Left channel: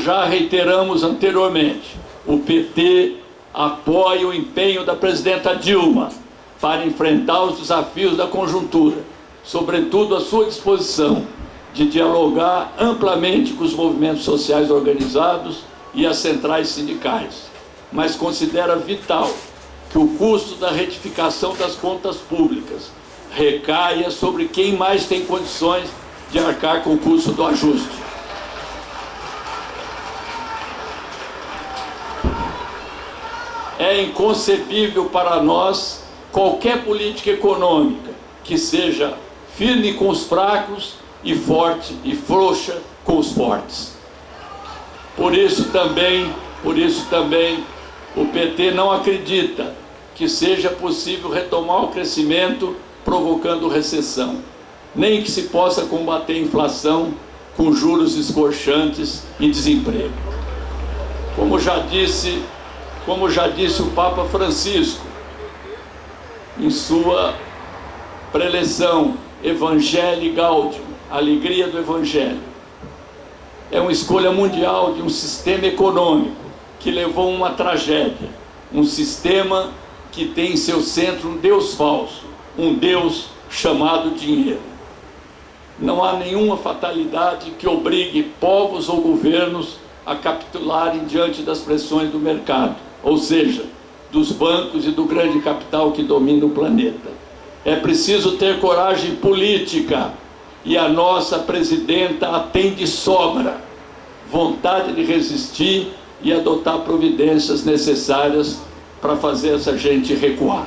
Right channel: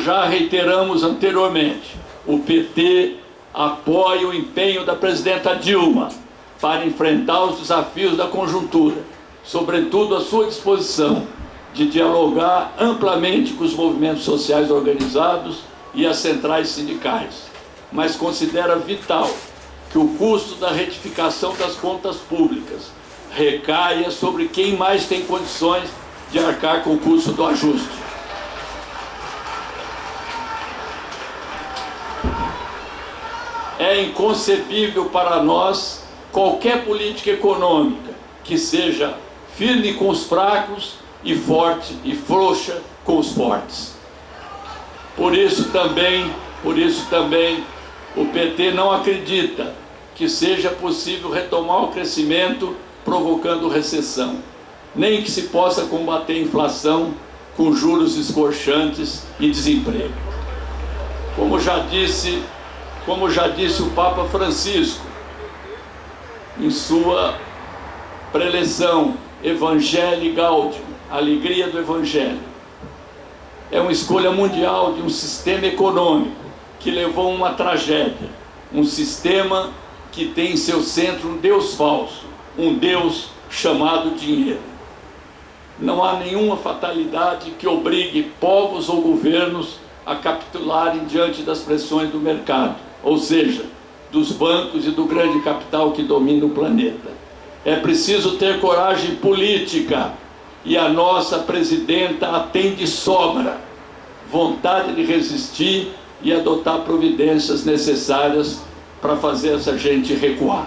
já reiteramos anteriormente, o PT apoia o empenho da presidenta Dilma para enfrentar os desafios da conjuntura, sobretudo a sua disposição de dialogar amplamente com os movimentos sociais organizados e as centrais sindicais, mas considera vital que o custo da retificação das contas públicas recaia sobre quem mais tem condições de arcar com o custo do ajuste. É inconcebível para nós qualquer política econômica que seja firme com os fracos e forte e frouxa com os fortes. Por isso também, o PT não acredita que seja possível retomar o crescimento provocando recessão, nem que se possa combater a inflação com juros escorchantes e desemprego. Como já disse o Papa Francisco em sua preleção Evangelii Gaudium, alegria do Evangelho, é uma escolha mundial de um sistema econômico que levou a uma tragédia, um sistema que tem em seu centro um Deus falso, um Deus chamado dinheiro. Não há nenhuma fatalidade que obrigue povos ou governos a capitularem diante das pressões do mercado, ou seja, dos bancos e do grande capital que domina o planeta. É preciso ter coragem política, e a nossa presidenta a tem de sobra, vontade de resistir e adotar providências necessárias para fazer essa gente recuar.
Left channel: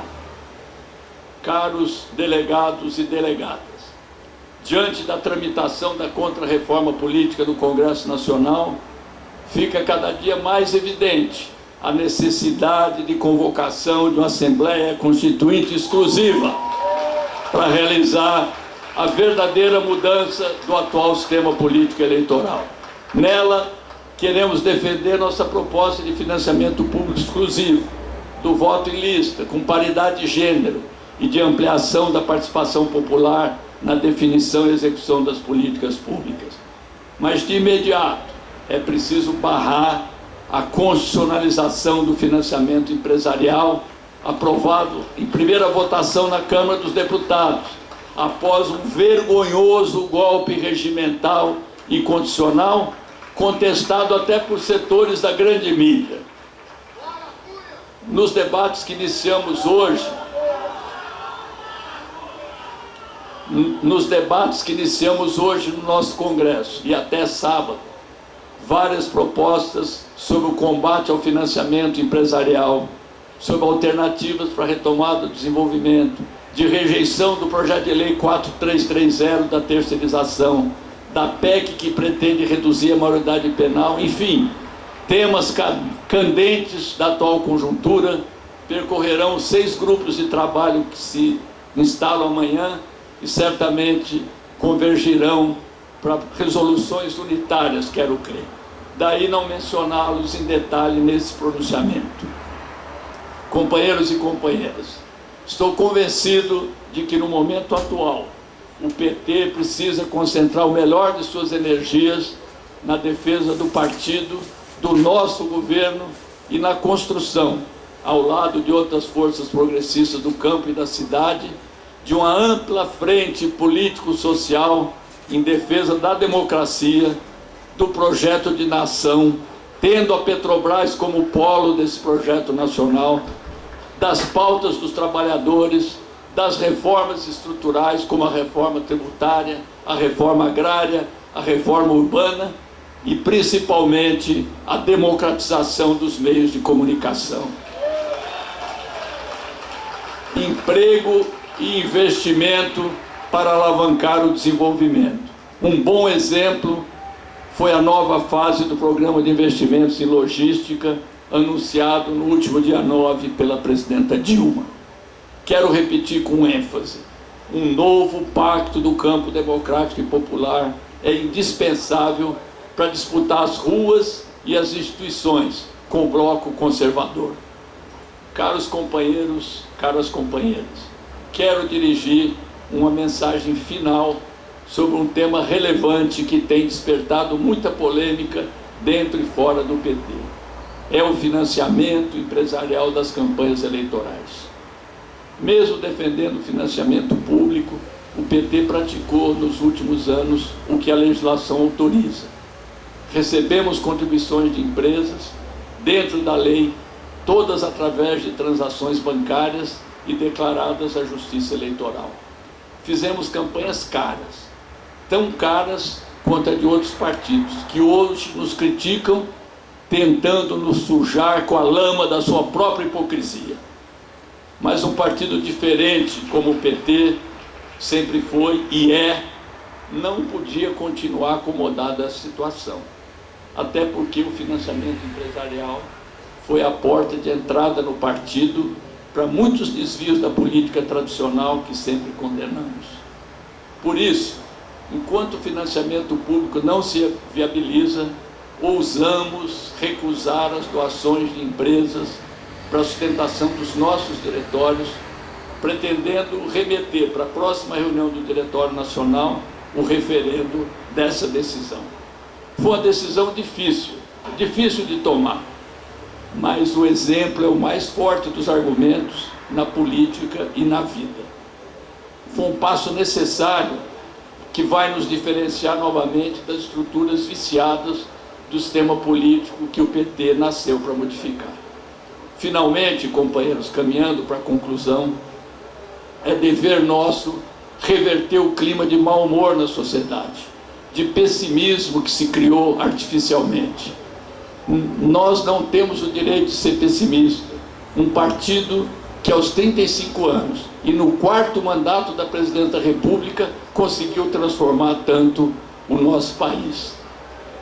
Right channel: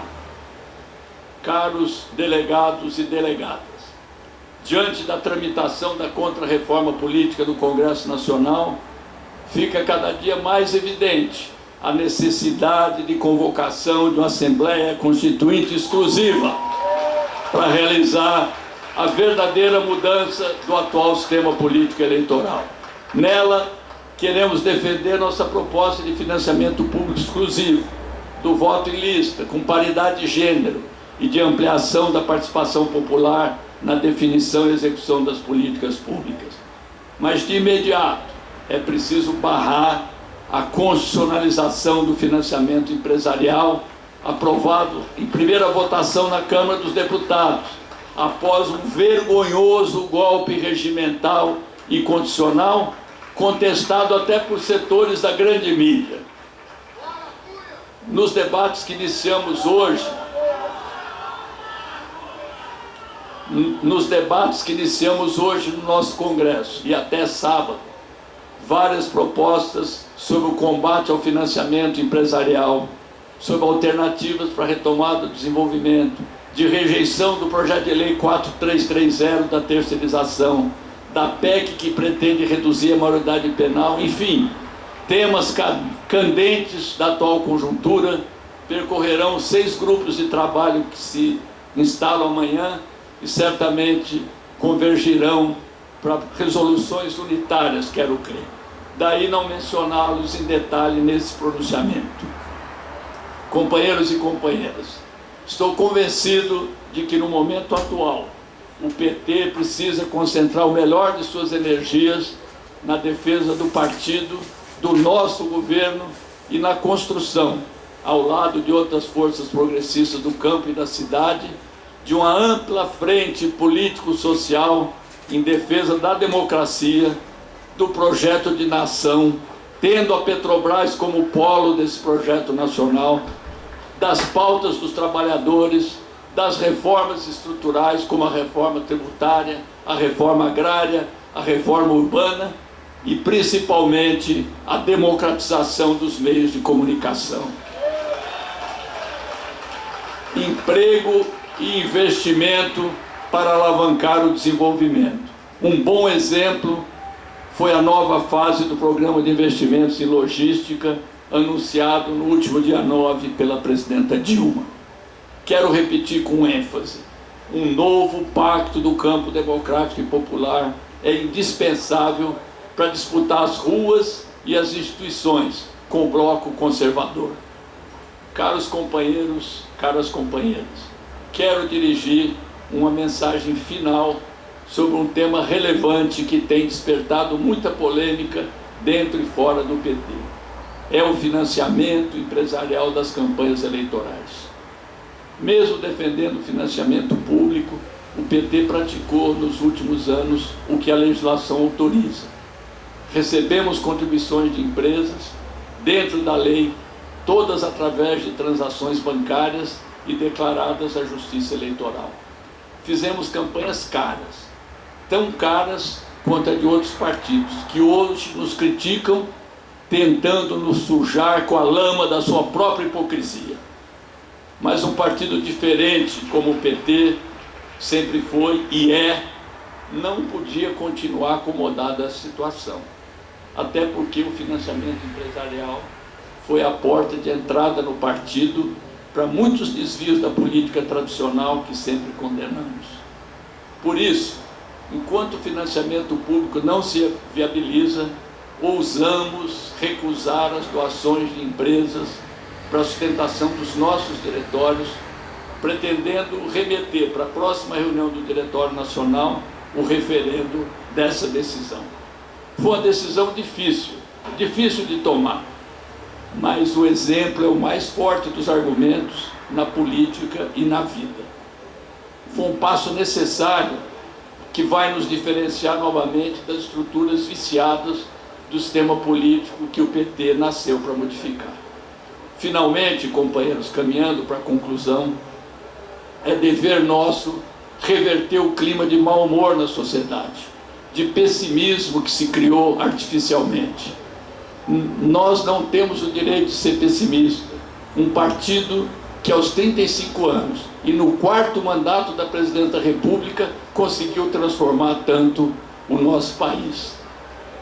Caros delegados e delegadas, diante da tramitação da contra-reforma política do Congresso Nacional, fica cada dia mais evidente a necessidade de convocação de uma Assembleia Constituinte exclusiva para realizar a verdadeira mudança do atual sistema político eleitoral. Nela, queremos defender nossa proposta de financiamento público exclusivo, do voto em lista, com paridade de gênero e de ampliação da participação popular na definição e execução das políticas públicas. Mas, de imediato, é preciso barrar a constitucionalização do financiamento empresarial, aprovado em primeira votação na Câmara dos Deputados, após um vergonhoso golpe regimental e condicional, contestado até por setores da grande mídia. Nos debates que iniciamos hoje, no nosso Congresso, e até sábado, várias propostas sobre o combate ao financiamento empresarial, sobre alternativas para a retomada do desenvolvimento, de rejeição do projeto de lei 4330 da terceirização, da PEC que pretende reduzir a maioridade penal, enfim, temas candentes da atual conjuntura percorrerão 6 grupos de trabalho que se instalam amanhã e certamente convergirão para resoluções unitárias, quero crer. Daí não mencioná-los em detalhe nesse pronunciamento. Companheiros e companheiras, estou convencido de que no momento atual o PT precisa concentrar o melhor de suas energias na defesa do partido, do nosso governo e na construção, ao lado de outras forças progressistas do campo e da cidade, de uma ampla frente político-social em defesa da democracia, do projeto de nação, tendo a Petrobras como polo desse projeto nacional, das pautas dos trabalhadores, das reformas estruturais como a reforma tributária, a reforma agrária, a reforma urbana e principalmente a democratização dos meios de comunicação. Emprego e investimento para alavancar o desenvolvimento. Um bom exemplo foi a nova fase do Programa de Investimentos em Logística, anunciado no último dia 9 pela presidenta Dilma. Quero repetir com ênfase: um novo pacto do campo democrático e popular é indispensável para disputar as ruas e as instituições com o bloco conservador. Caros companheiros, caras companheiras, quero dirigir uma mensagem final sobre um tema relevante que tem despertado muita polêmica dentro e fora do PT. É o financiamento empresarial das campanhas eleitorais. Mesmo defendendo o financiamento público, o PT praticou nos últimos anos o que a legislação autoriza. Recebemos contribuições de empresas, dentro da lei, todas através de transações bancárias e declaradas à Justiça Eleitoral. Fizemos campanhas caras, tão caras quanto a de outros partidos, que hoje nos criticam, tentando nos sujar com a lama da sua própria hipocrisia. Mas um partido diferente, como o PT, sempre foi e não podia continuar acomodado a essa situação. Até porque o financiamento empresarial foi a porta de entrada no partido para muitos desvios da política tradicional que sempre condenamos. Por isso, enquanto o financiamento público não se viabiliza, ousamos recusar as doações de empresas para a sustentação dos nossos diretórios, pretendendo remeter para a próxima reunião do Diretório Nacional o referendo dessa decisão. Foi uma decisão difícil de tomar, mas o exemplo é o mais forte dos argumentos na política e na vida. Foi um passo necessário que vai nos diferenciar novamente das estruturas viciadas do sistema político que o PT nasceu para modificar. Finalmente, companheiros, caminhando para a conclusão, é dever nosso reverter o clima de mau humor na sociedade, de pessimismo que se criou artificialmente. Nós não temos o direito de ser pessimista. Um partido que aos 35 anos e no 4º mandato da Presidenta da República conseguiu transformar tanto o nosso país.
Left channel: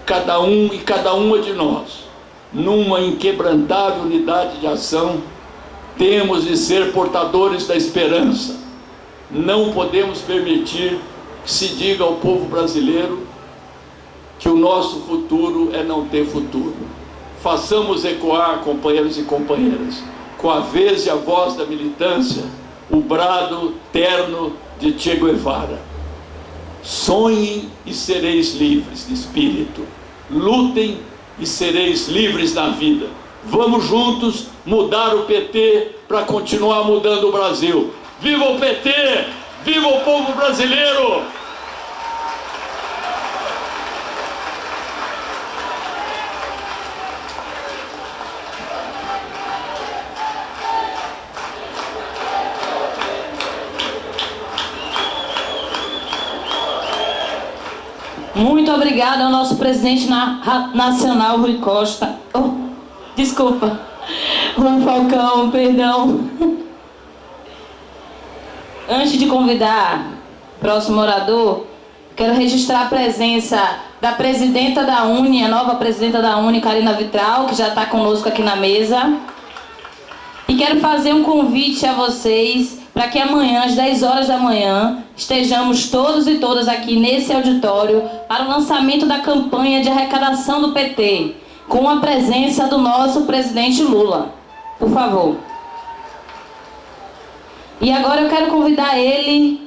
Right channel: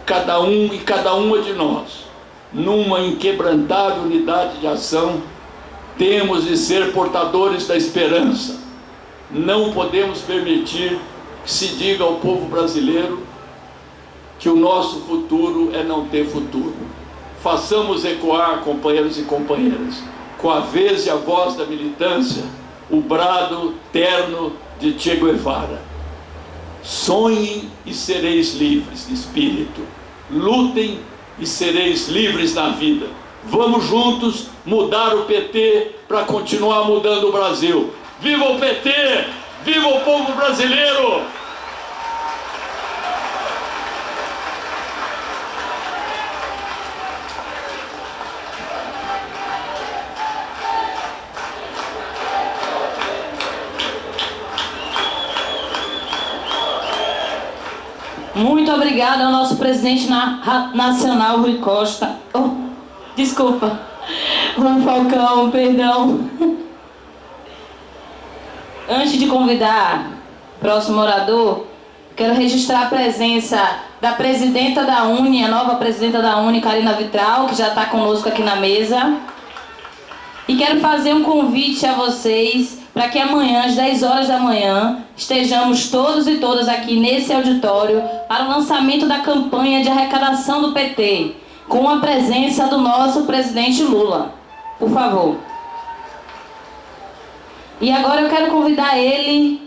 Cada um e cada uma de nós, numa inquebrantável unidade de ação, temos de ser portadores da esperança. Não podemos permitir que se diga ao povo brasileiro que o nosso futuro é não ter futuro. Façamos ecoar, companheiros e companheiras, com a vez e a voz da militância, o brado terno de Che Guevara. Sonhem e sereis livres de espírito. Lutem e sereis livres na vida. Vamos juntos mudar o PT para continuar mudando o Brasil. Viva o PT! Viva o povo brasileiro! Muito obrigada ao nosso presidente nacional, Rui Costa. Desculpa, Rui Falcão, perdão. Antes de convidar o próximo orador, quero registrar a presença da presidenta da UNE, a nova presidenta da UNE, Karina Vitral, que já está conosco aqui na mesa. E quero fazer um convite a vocês para que amanhã, às 10 horas da manhã, estejamos todos e todas aqui nesse auditório para o lançamento da campanha de arrecadação do PT, com a presença do nosso presidente Lula. Por favor. E agora eu quero convidar ele,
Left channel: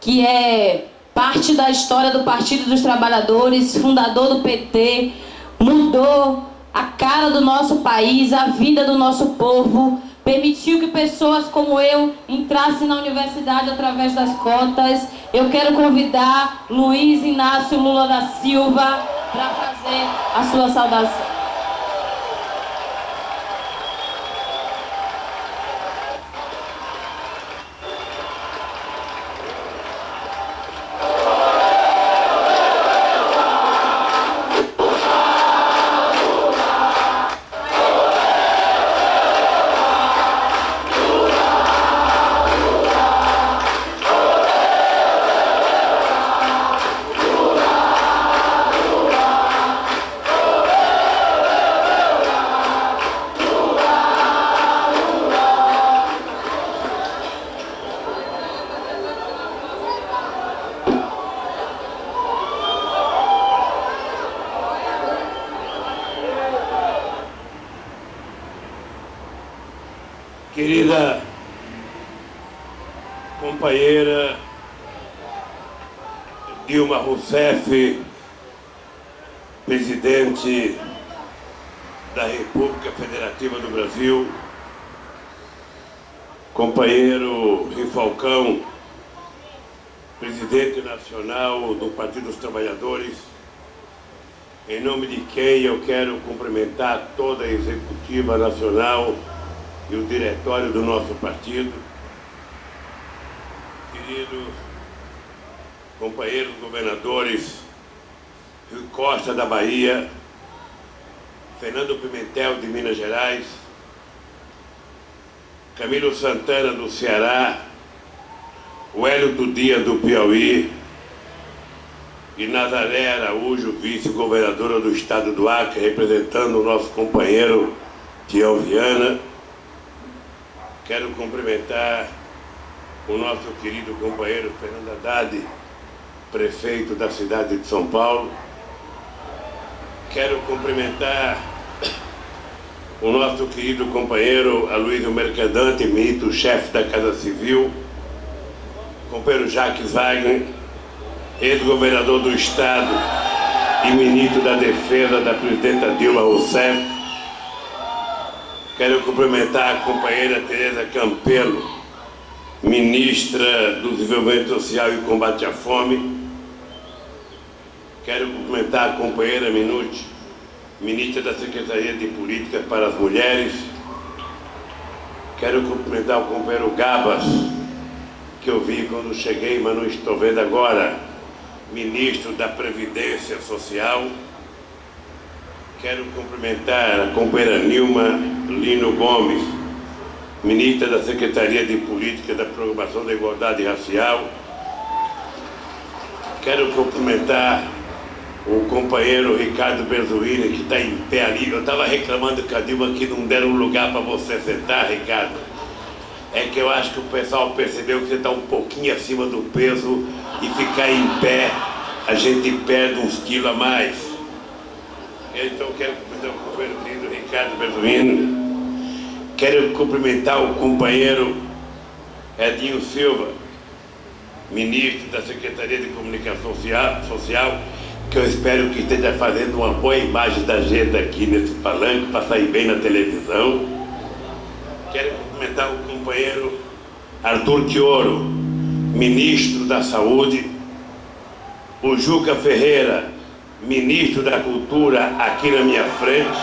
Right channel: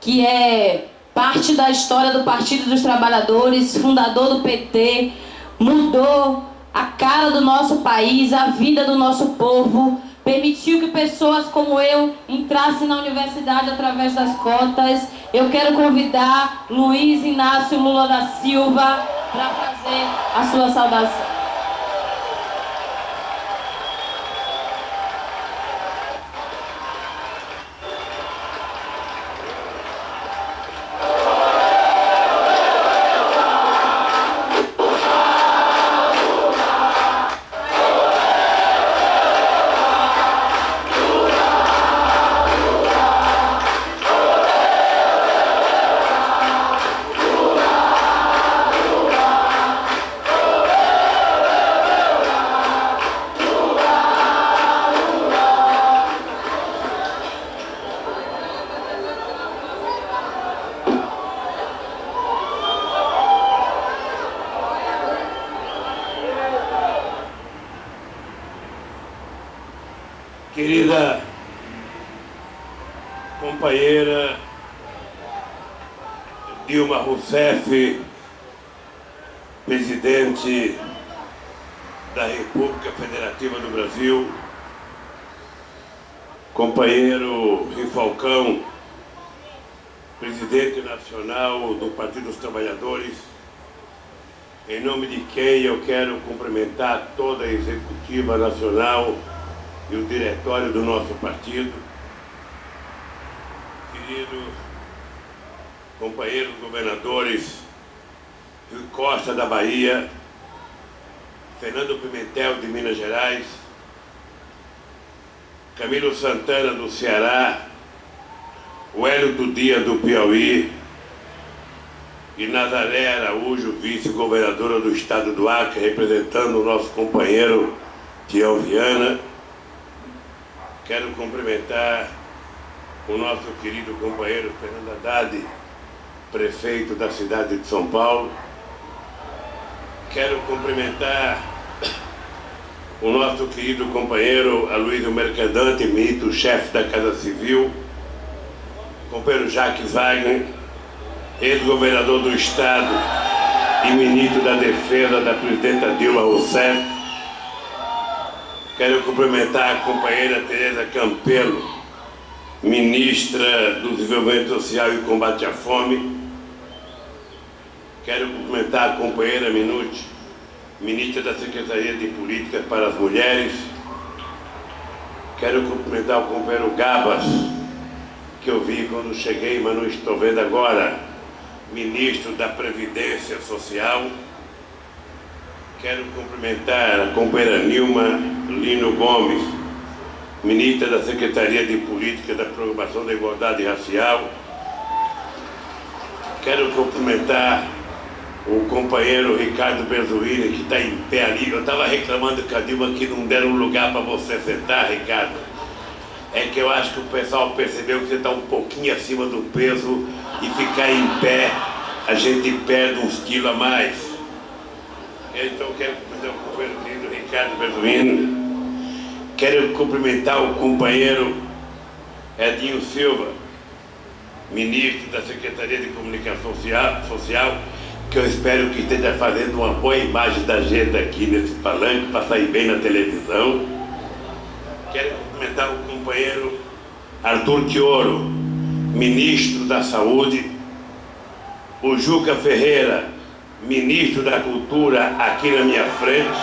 que é parte da história do Partido dos Trabalhadores, fundador do PT, mudou a cara do nosso país, a vida do nosso povo, permitiu que pessoas como eu entrassem na universidade através das cotas. Eu quero convidar Luiz Inácio Lula da Silva para fazer a sua saudação. Querida companheira Dilma Rousseff, presidente da República Federativa do Brasil, companheiro Rui Falcão, presidente nacional do Partido dos Trabalhadores, em nome de quem eu quero cumprimentar toda a executiva nacional e o diretório do nosso partido, queridos companheiros governadores Rui Costa da Bahia, Fernando Pimentel de Minas Gerais, Camilo Santana do Ceará, Wellington Dias do Piauí e Nazaré Araújo, vice-governadora do estado do Acre, representando o nosso companheiro Tião Viana. Quero cumprimentar o nosso querido companheiro Fernando Haddad, prefeito da cidade de São Paulo. Quero cumprimentar o nosso querido companheiro Aloysio Mercadante, ministro-chefe da Casa Civil, companheiro Jacques Wagner, ex-governador do estado e ministro da Defesa da presidenta Dilma Rousseff. Quero cumprimentar a companheira Tereza Campelo, ministra do Desenvolvimento Social e Combate à Fome. Quero cumprimentar a companheira Minuti, ministra da Secretaria de Políticas para as Mulheres. Quero cumprimentar o companheiro Gabas, que eu vi quando cheguei, mas não estou vendo agora, ministro da Previdência Social. Quero cumprimentar a companheira Nilma Lino Gomes, ministra da Secretaria de Política da Programação da Igualdade Racial. Quero cumprimentar o companheiro Ricardo Berzuini, que está em pé ali. Eu estava reclamando com a Dilma que não deram lugar para você sentar, Ricardo. É que eu acho que o pessoal percebeu que você está um pouquinho acima do peso e ficar em pé, a gente perde uns quilos a mais. Então quero cumprimentar o companheiro querido Ricardo Berzuini. Quero cumprimentar o companheiro Edinho Silva, ministro da Secretaria de Comunicação Social, que eu espero que esteja fazendo uma boa imagem da gente aqui nesse palanque para sair bem na televisão. Quero cumprimentar o companheiro Arthur Quioro, ministro da Saúde, o Juca Ferreira, ministro da Cultura, aqui na minha frente.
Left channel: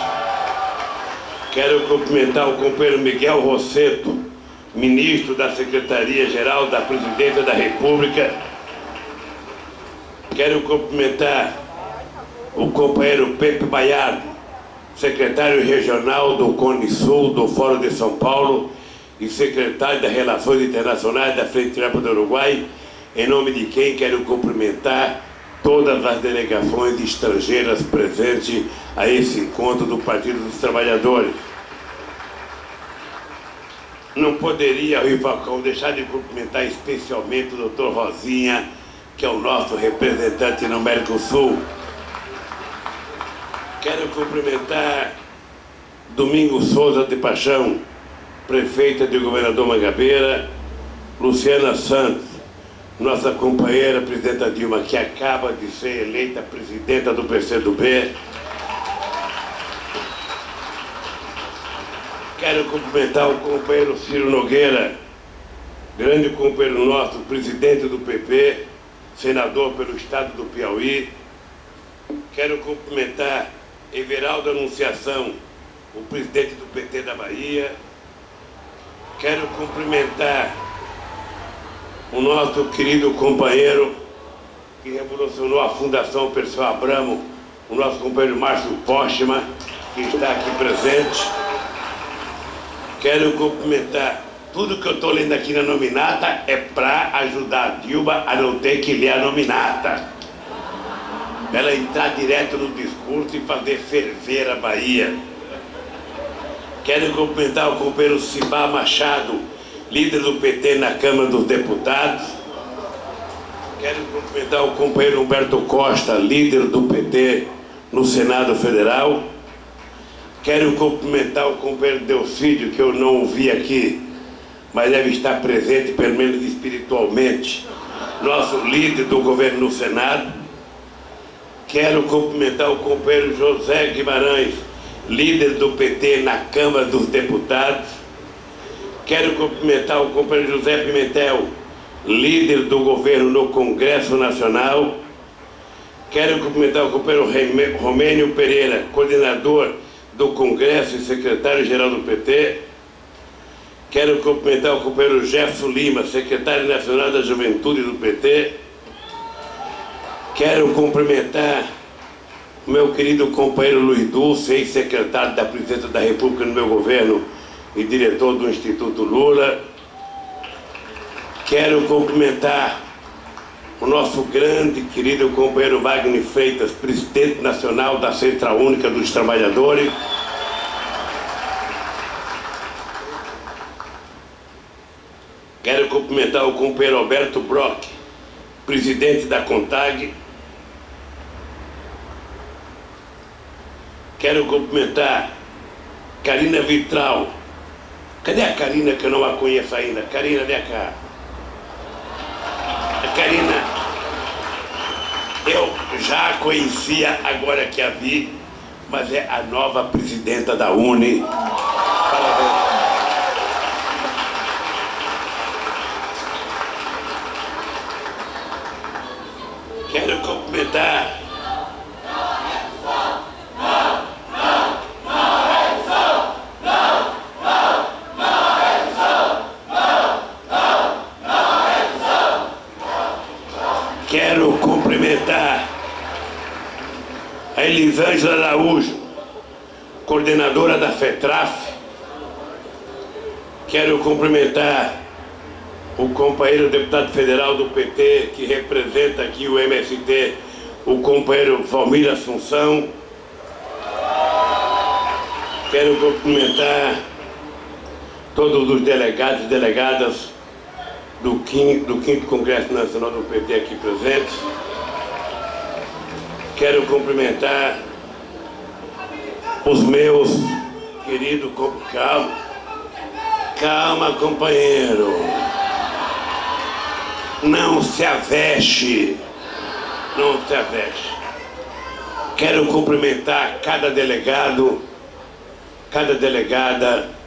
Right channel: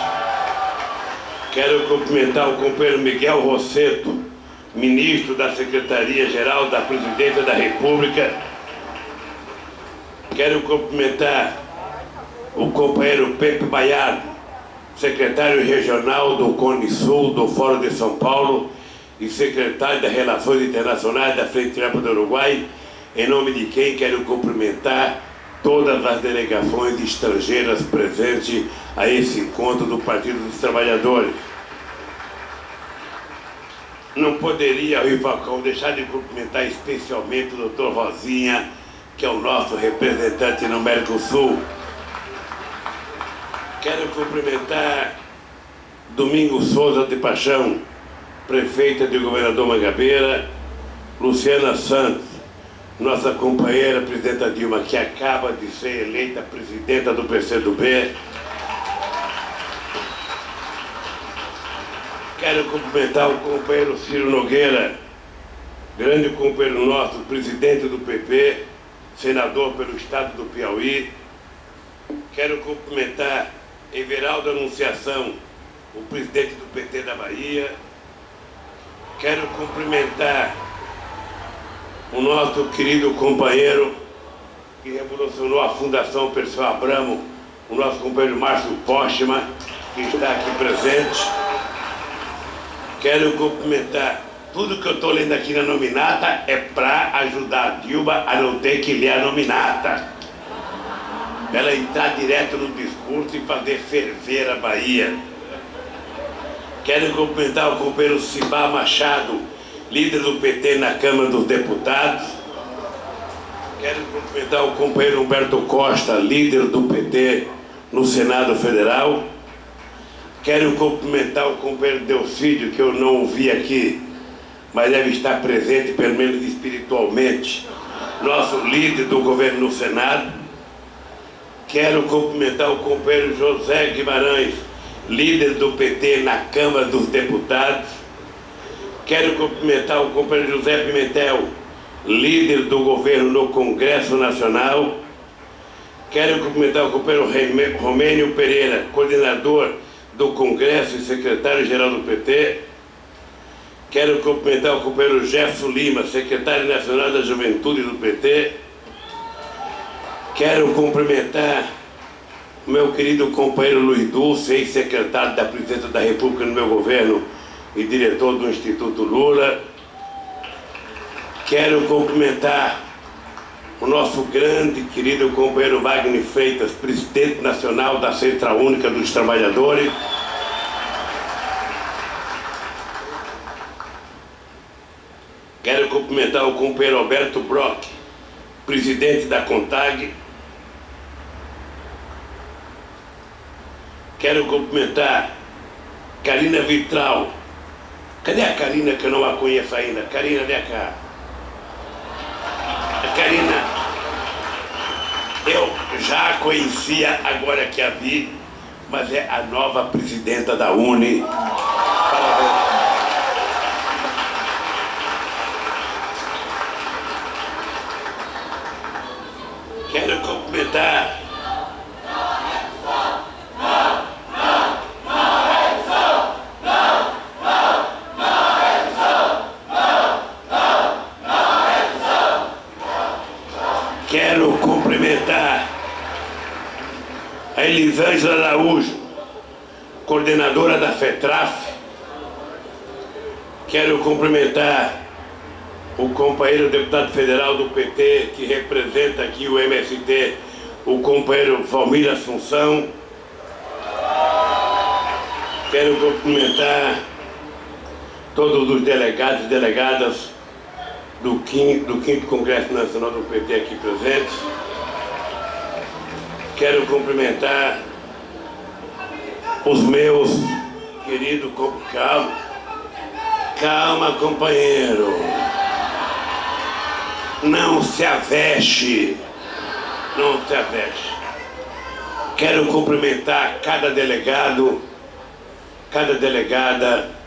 Quero cumprimentar o companheiro Miguel Rosseto, ministro da Secretaria-Geral da Presidência da República. Quero cumprimentar o companheiro Pepe Baiardo, secretário regional do Cone Sul, do Fórum de São Paulo e secretário das Relações Internacionais da Frente Ampla do Uruguai, em nome de quem quero cumprimentar todas as delegações estrangeiras presentes a esse encontro do Partido dos Trabalhadores. Não poderia, Rui Falcão, deixar de cumprimentar especialmente o Dr. Rosinha, que é o nosso representante no Mercosul. Quero cumprimentar Domingos Souza de Paixão, prefeita de Governador Mangabeira, Luciana Santos, nossa companheira presidenta Dilma, que acaba de ser eleita presidenta do PCdoB. Quero cumprimentar o companheiro Ciro Nogueira, grande companheiro nosso, presidente do PP, senador pelo estado do Piauí. Quero cumprimentar Everaldo Anunciação, o presidente do PT da Bahia. Quero cumprimentar o nosso querido companheiro que revolucionou a Fundação Perseu Abramo, o nosso companheiro Márcio Postman, que está aqui presente. Quero cumprimentar. Tudo que eu estou lendo aqui na nominata é para ajudar a Dilma a não ter que ler a nominata. Ela entrar direto no discurso e fazer ferver a Bahia. Quero cumprimentar o companheiro Cibá Machado, líder do PT na Câmara dos Deputados. Quero cumprimentar o companheiro Humberto Costa, líder do PT no Senado Federal. Quero cumprimentar o companheiro Delcídio, que eu não ouvi aqui, mas deve estar presente, pelo menos espiritualmente, nosso líder do governo no Senado. Quero cumprimentar o companheiro José Guimarães, líder do PT na Câmara dos Deputados. Quero cumprimentar o companheiro José Pimentel, líder do governo no Congresso Nacional. Quero cumprimentar o companheiro Romênio Pereira, coordenador do Congresso e secretário-geral do PT. Quero cumprimentar o companheiro Jefferson Lima, secretário nacional da Juventude do PT. Quero cumprimentar o meu querido companheiro Luiz Dulce, ex-secretário da Presidência da República no meu governo e diretor do Instituto Lula. Quero cumprimentar o nosso grande querido companheiro Wagner Freitas, presidente nacional da Central Única dos Trabalhadores. Quero cumprimentar o companheiro Alberto Brock, presidente da CONTAG. Quero cumprimentar Carina Vitral. Cadê a Carina, que eu não a conheço ainda? Carina, vem cá. A Carina, eu já a conhecia, agora que a vi, mas é a nova presidenta da UNE. Parabéns. Quero cumprimentar a Elisângela Araújo, coordenadora da FETRAF. Quero cumprimentar o companheiro deputado federal do PT, que representa aqui o MST, o companheiro Valmir Assunção. Quero cumprimentar todos os delegados e delegadas do 5º Congresso Nacional do PT aqui presentes. Quero cumprimentar os meus queridos... Calma, companheiro. Não se avexe. Não se avexe. Quero cumprimentar cada delegado, cada delegada,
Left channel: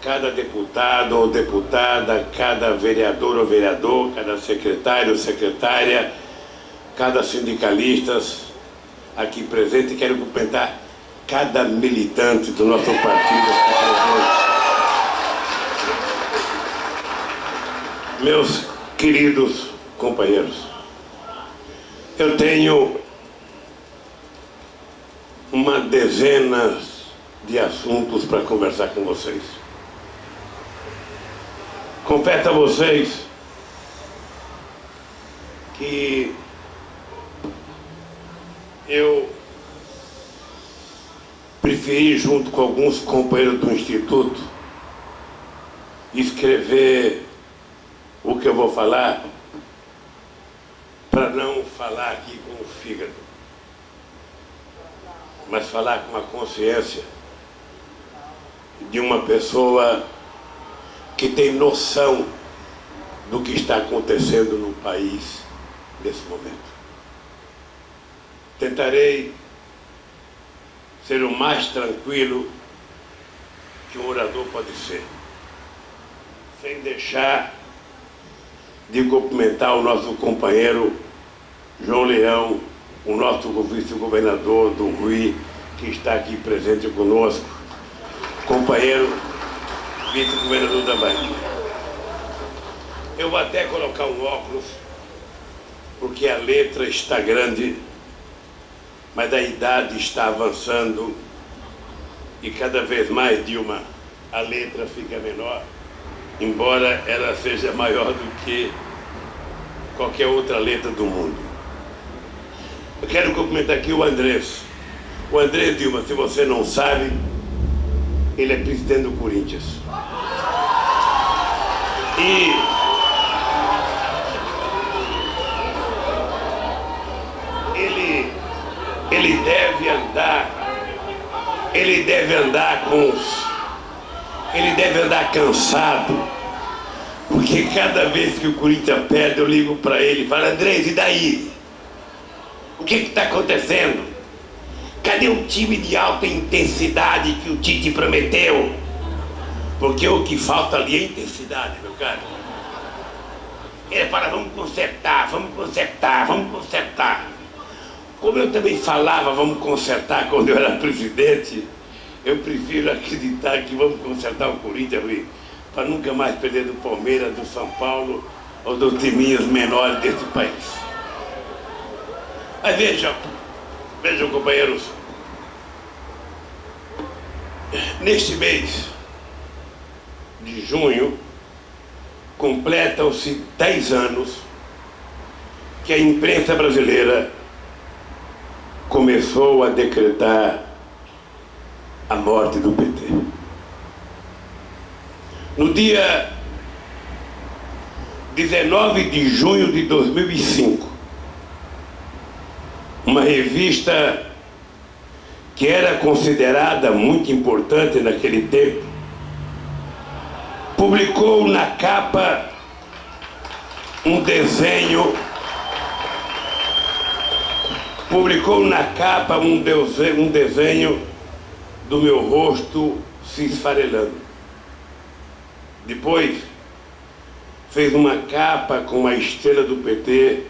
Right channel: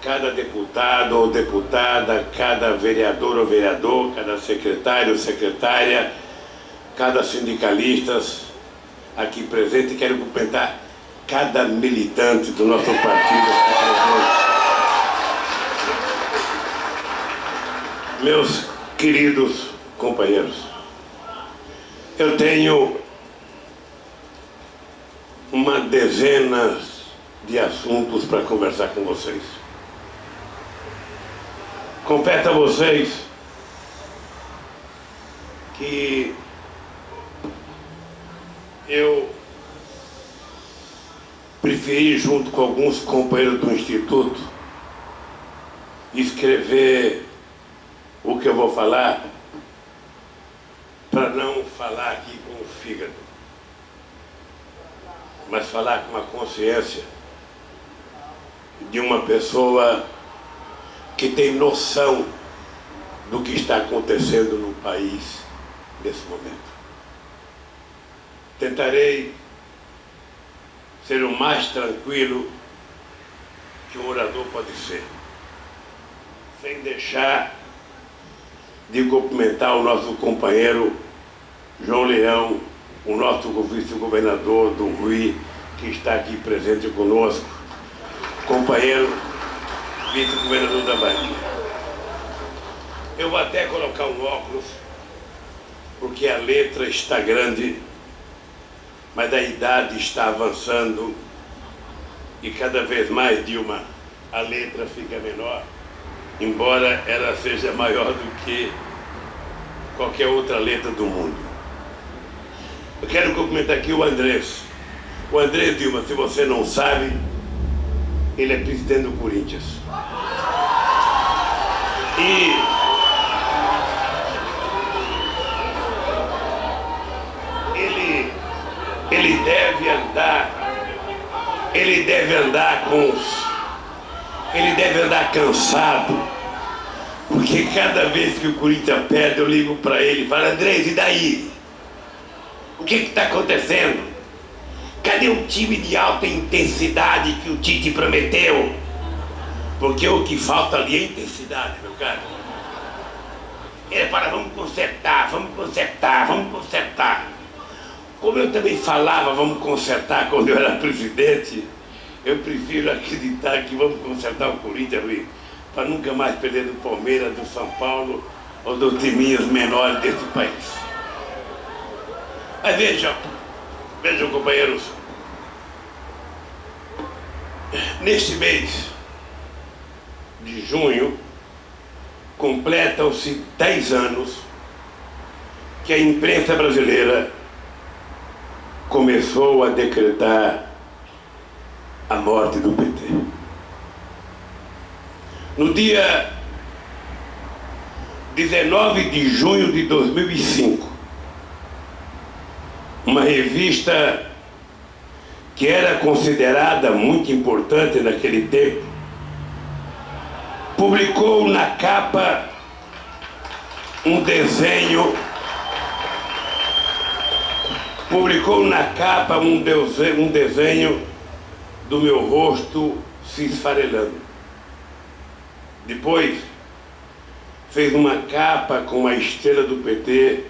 cada deputado ou deputada, cada vereador ou vereador, cada secretário ou secretária, cada sindicalista aqui presente. Quero cumprimentar cada militante do nosso partido aqui presente. Meus queridos companheiros, eu tenho uma dezena de assuntos para conversar com vocês. Confesso a vocês que eu preferi, junto com alguns companheiros do Instituto, escrever o que eu vou falar, para não falar aqui com o fígado, mas falar com a consciência de uma pessoa que tem noção do que está acontecendo no país nesse momento. Tentarei ser o mais tranquilo que um orador pode ser, sem deixar de cumprimentar o nosso companheiro João Leão, o nosso vice-governador do Rui, que está aqui presente conosco, companheiro vice-governador da Bahia. Eu vou até colocar um óculos, porque a letra está grande, mas a idade está avançando e cada vez mais, Dilma, a letra fica menor, embora ela seja maior do que qualquer outra letra do mundo. Eu quero cumprimentar aqui o Andrés. O Andrés, Dilma, se você não sabe, ele é presidente do Corinthians. E ele deve andar cansado, porque cada vez que o Corinthians perde, eu ligo para ele e falo: Andrés, e daí? O que está acontecendo? Cadê o time de alta intensidade que o Tite prometeu? Porque o que falta ali é intensidade, meu caro. Ele fala, vamos consertar, vamos consertar, vamos consertar. Como eu também falava, vamos consertar quando eu era presidente, eu prefiro acreditar que vamos consertar o Corinthians, para nunca mais perder do Palmeiras, do São Paulo ou dos timinhos menores desse país. Mas vejam, companheiros, neste mês de junho, completam-se 10 anos que a imprensa brasileira começou a decretar a morte do PT. No dia 19 de junho de 2005, uma revista que era considerada muito importante naquele tempo, publicou na capa um desenho do meu rosto se esfarelando. Depois fez uma capa com a estrela do PT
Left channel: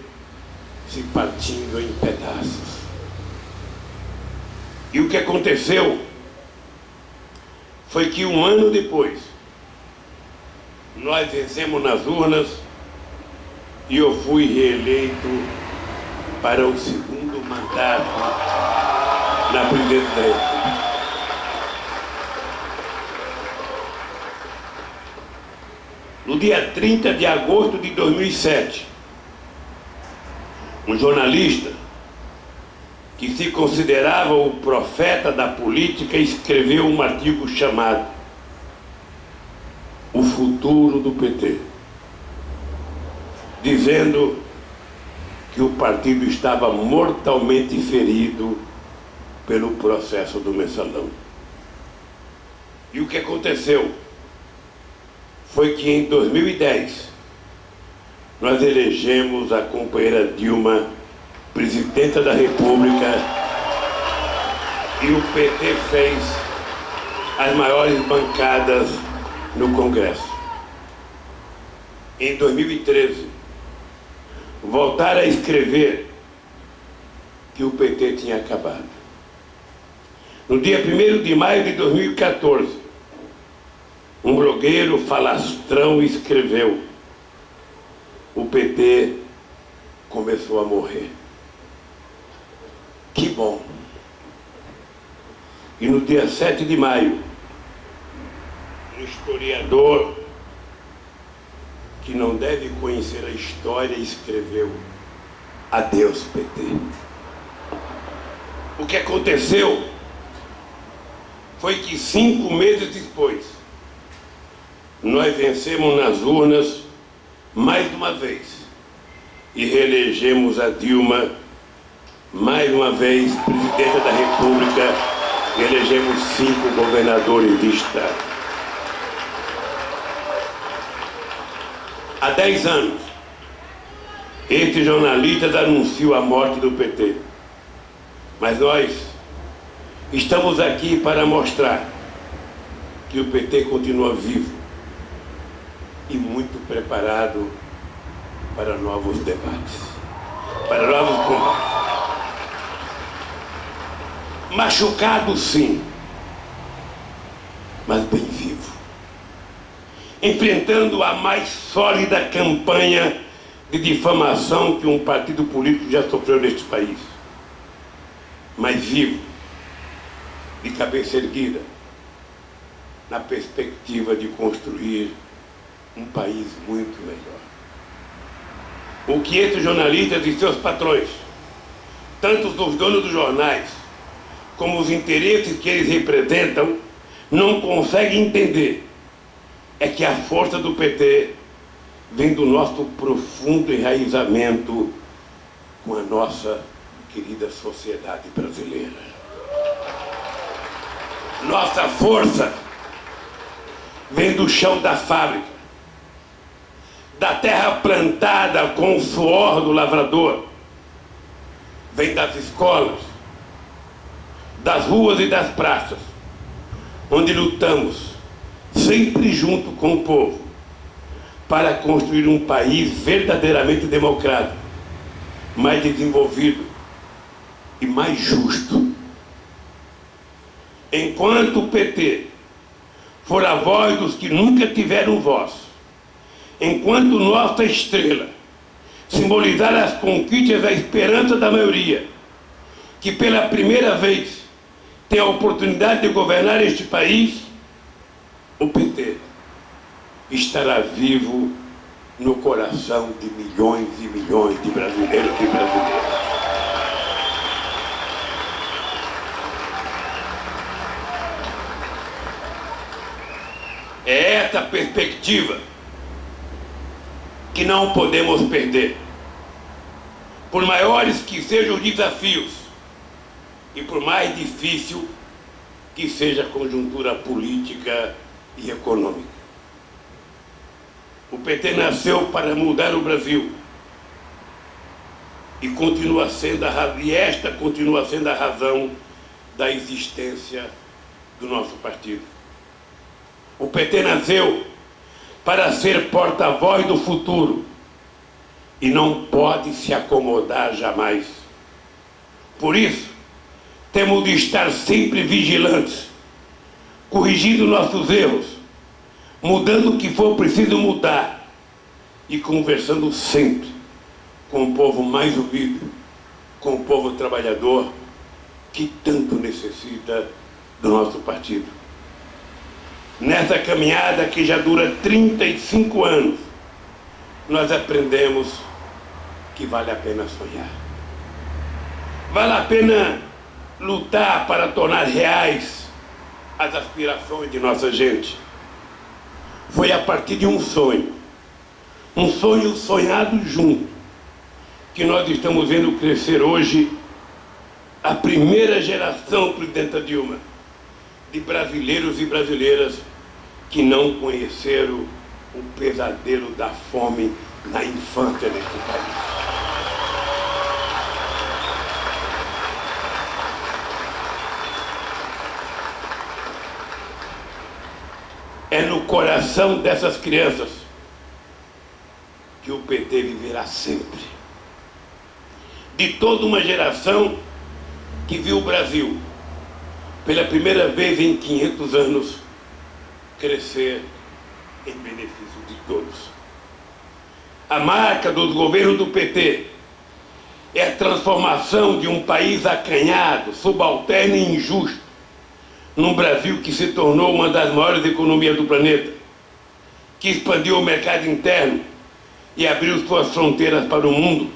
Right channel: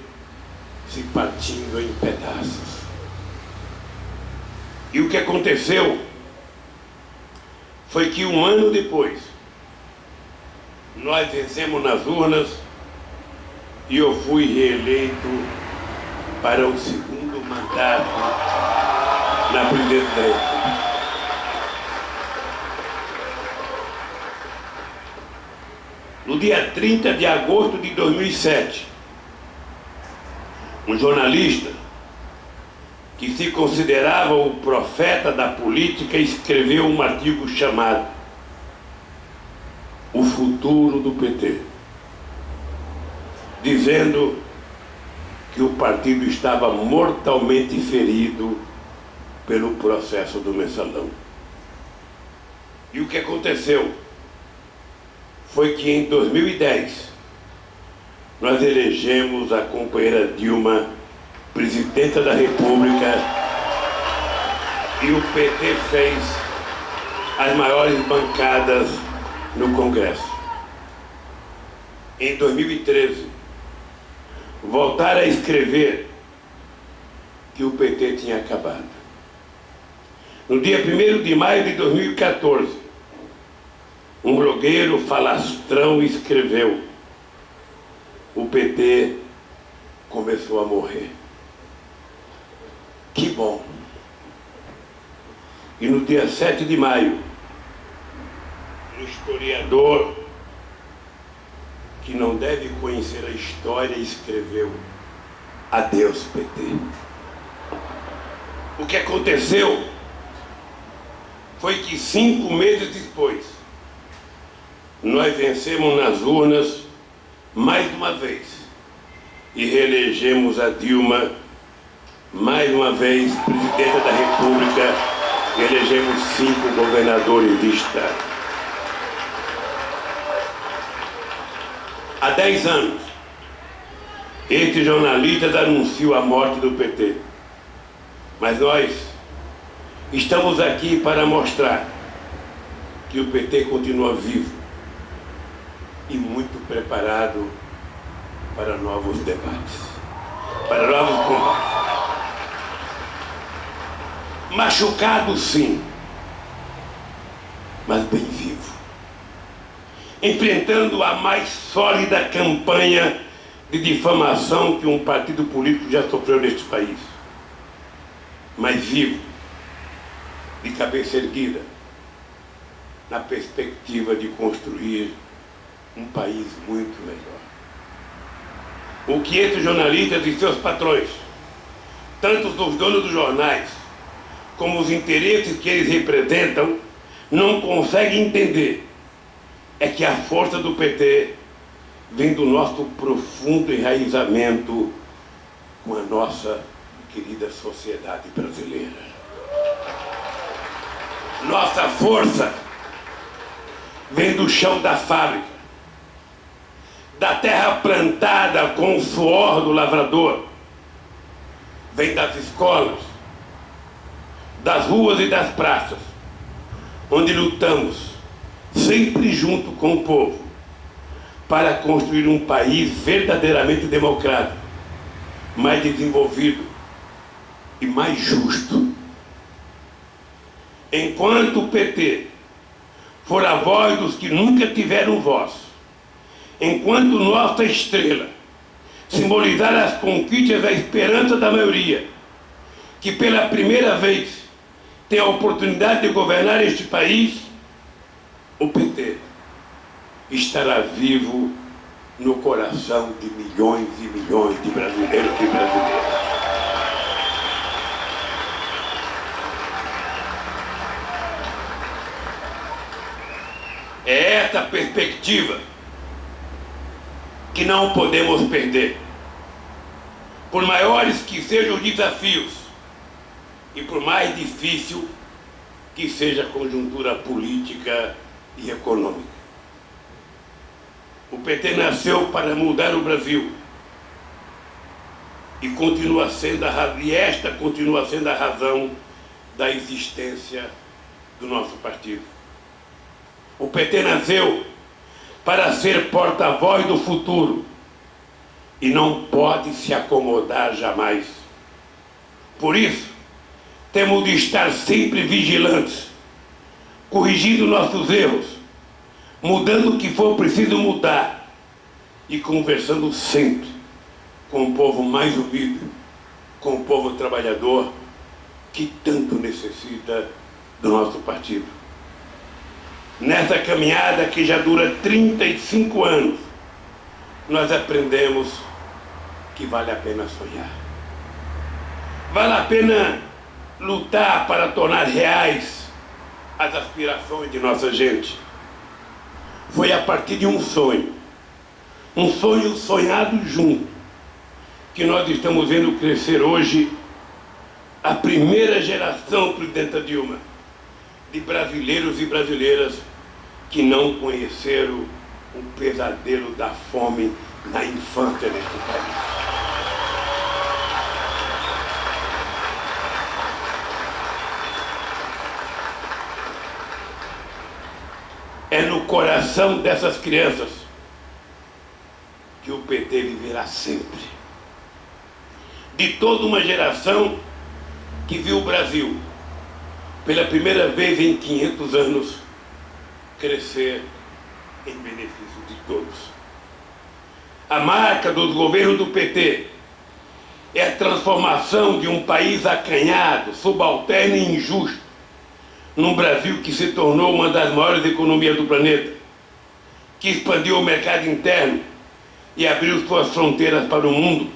se partindo em pedaços. E o que aconteceu foi que um ano depois nós vencemos nas urnas e eu fui reeleito para o segundo mandato na presidência da República. No dia 30 de agosto de 2007, um jornalista que se considerava o profeta da política escreveu um artigo chamado O Futuro do PT, dizendo que o partido estava mortalmente ferido pelo processo do Mensalão. E o que aconteceu foi que em 2010 nós elegemos a companheira Dilma presidenta da República e o PT fez as maiores bancadas no Congresso. Em 2013, voltaram a escrever que o PT tinha acabado. No dia 1º de maio de 2014, um blogueiro falastrão escreveu: o PT começou a morrer. Que bom! E no dia 7 de maio, um historiador que não deve conhecer a história escreveu: adeus, PT. O que aconteceu foi que 5 meses depois, nós vencemos nas urnas mais uma vez e reelegemos a Dilma mais uma vez presidenta da República e elegemos 5 governadores de estado. Há 10 anos, estes jornalistas anunciam a morte do PT. Mas nós estamos aqui para mostrar que o PT continua vivo e muito preparado para novos debates, para novos combates. Machucado, sim, mas bem vivo, enfrentando a mais sólida campanha de difamação que um partido político já sofreu neste país, mas vivo, de cabeça erguida, na perspectiva de construir um país muito melhor. O que esses jornalistas e seus patrões, tanto os donos dos jornais, como os interesses que eles representam, não conseguem entender é que a força do PT vem do nosso profundo enraizamento com a nossa querida sociedade brasileira. Nossa força vem do chão da fábrica, da terra plantada com o suor do lavrador, vem das escolas, das ruas e das praças, onde lutamos, sempre junto com o povo, para construir um país verdadeiramente democrático, mais desenvolvido e mais justo. Enquanto o PT for a voz dos que nunca tiveram voz, enquanto nossa estrela simbolizar as conquistas da esperança da maioria, que pela primeira vez tem a oportunidade de governar este país, o PT estará vivo no coração de milhões e milhões de brasileiros e brasileiras. É essa perspectiva que não podemos perder. Por maiores que sejam os desafios e por mais difícil que seja a conjuntura política e econômica. O PT nasceu para mudar o Brasil e esta continua sendo a razão da existência do nosso partido. O PT nasceu para ser porta-voz do futuro e não pode se acomodar jamais. Por isso, temos de estar sempre vigilantes, corrigindo nossos erros, mudando o que for preciso mudar e conversando sempre com o povo mais humilde, com o povo trabalhador que tanto necessita do nosso partido. Nessa caminhada que já dura 35 anos, nós aprendemos que vale a pena sonhar. Vale a pena lutar para tornar reais as aspirações de nossa gente. Foi a partir de um sonho sonhado junto, que nós estamos vendo crescer hoje a primeira geração, presidenta Dilma, de brasileiros e brasileiras que não conheceram o pesadelo da fome na infância deste país. É no coração dessas crianças que o PT viverá sempre. De toda uma geração que viu o Brasil, pela primeira vez em 500 anos, crescer em benefício de todos. A marca dos governos do PT é a transformação de um país acanhado, subalterno e injusto, num Brasil que se tornou uma das maiores economias do planeta, que expandiu o mercado interno e abriu suas fronteiras para o mundo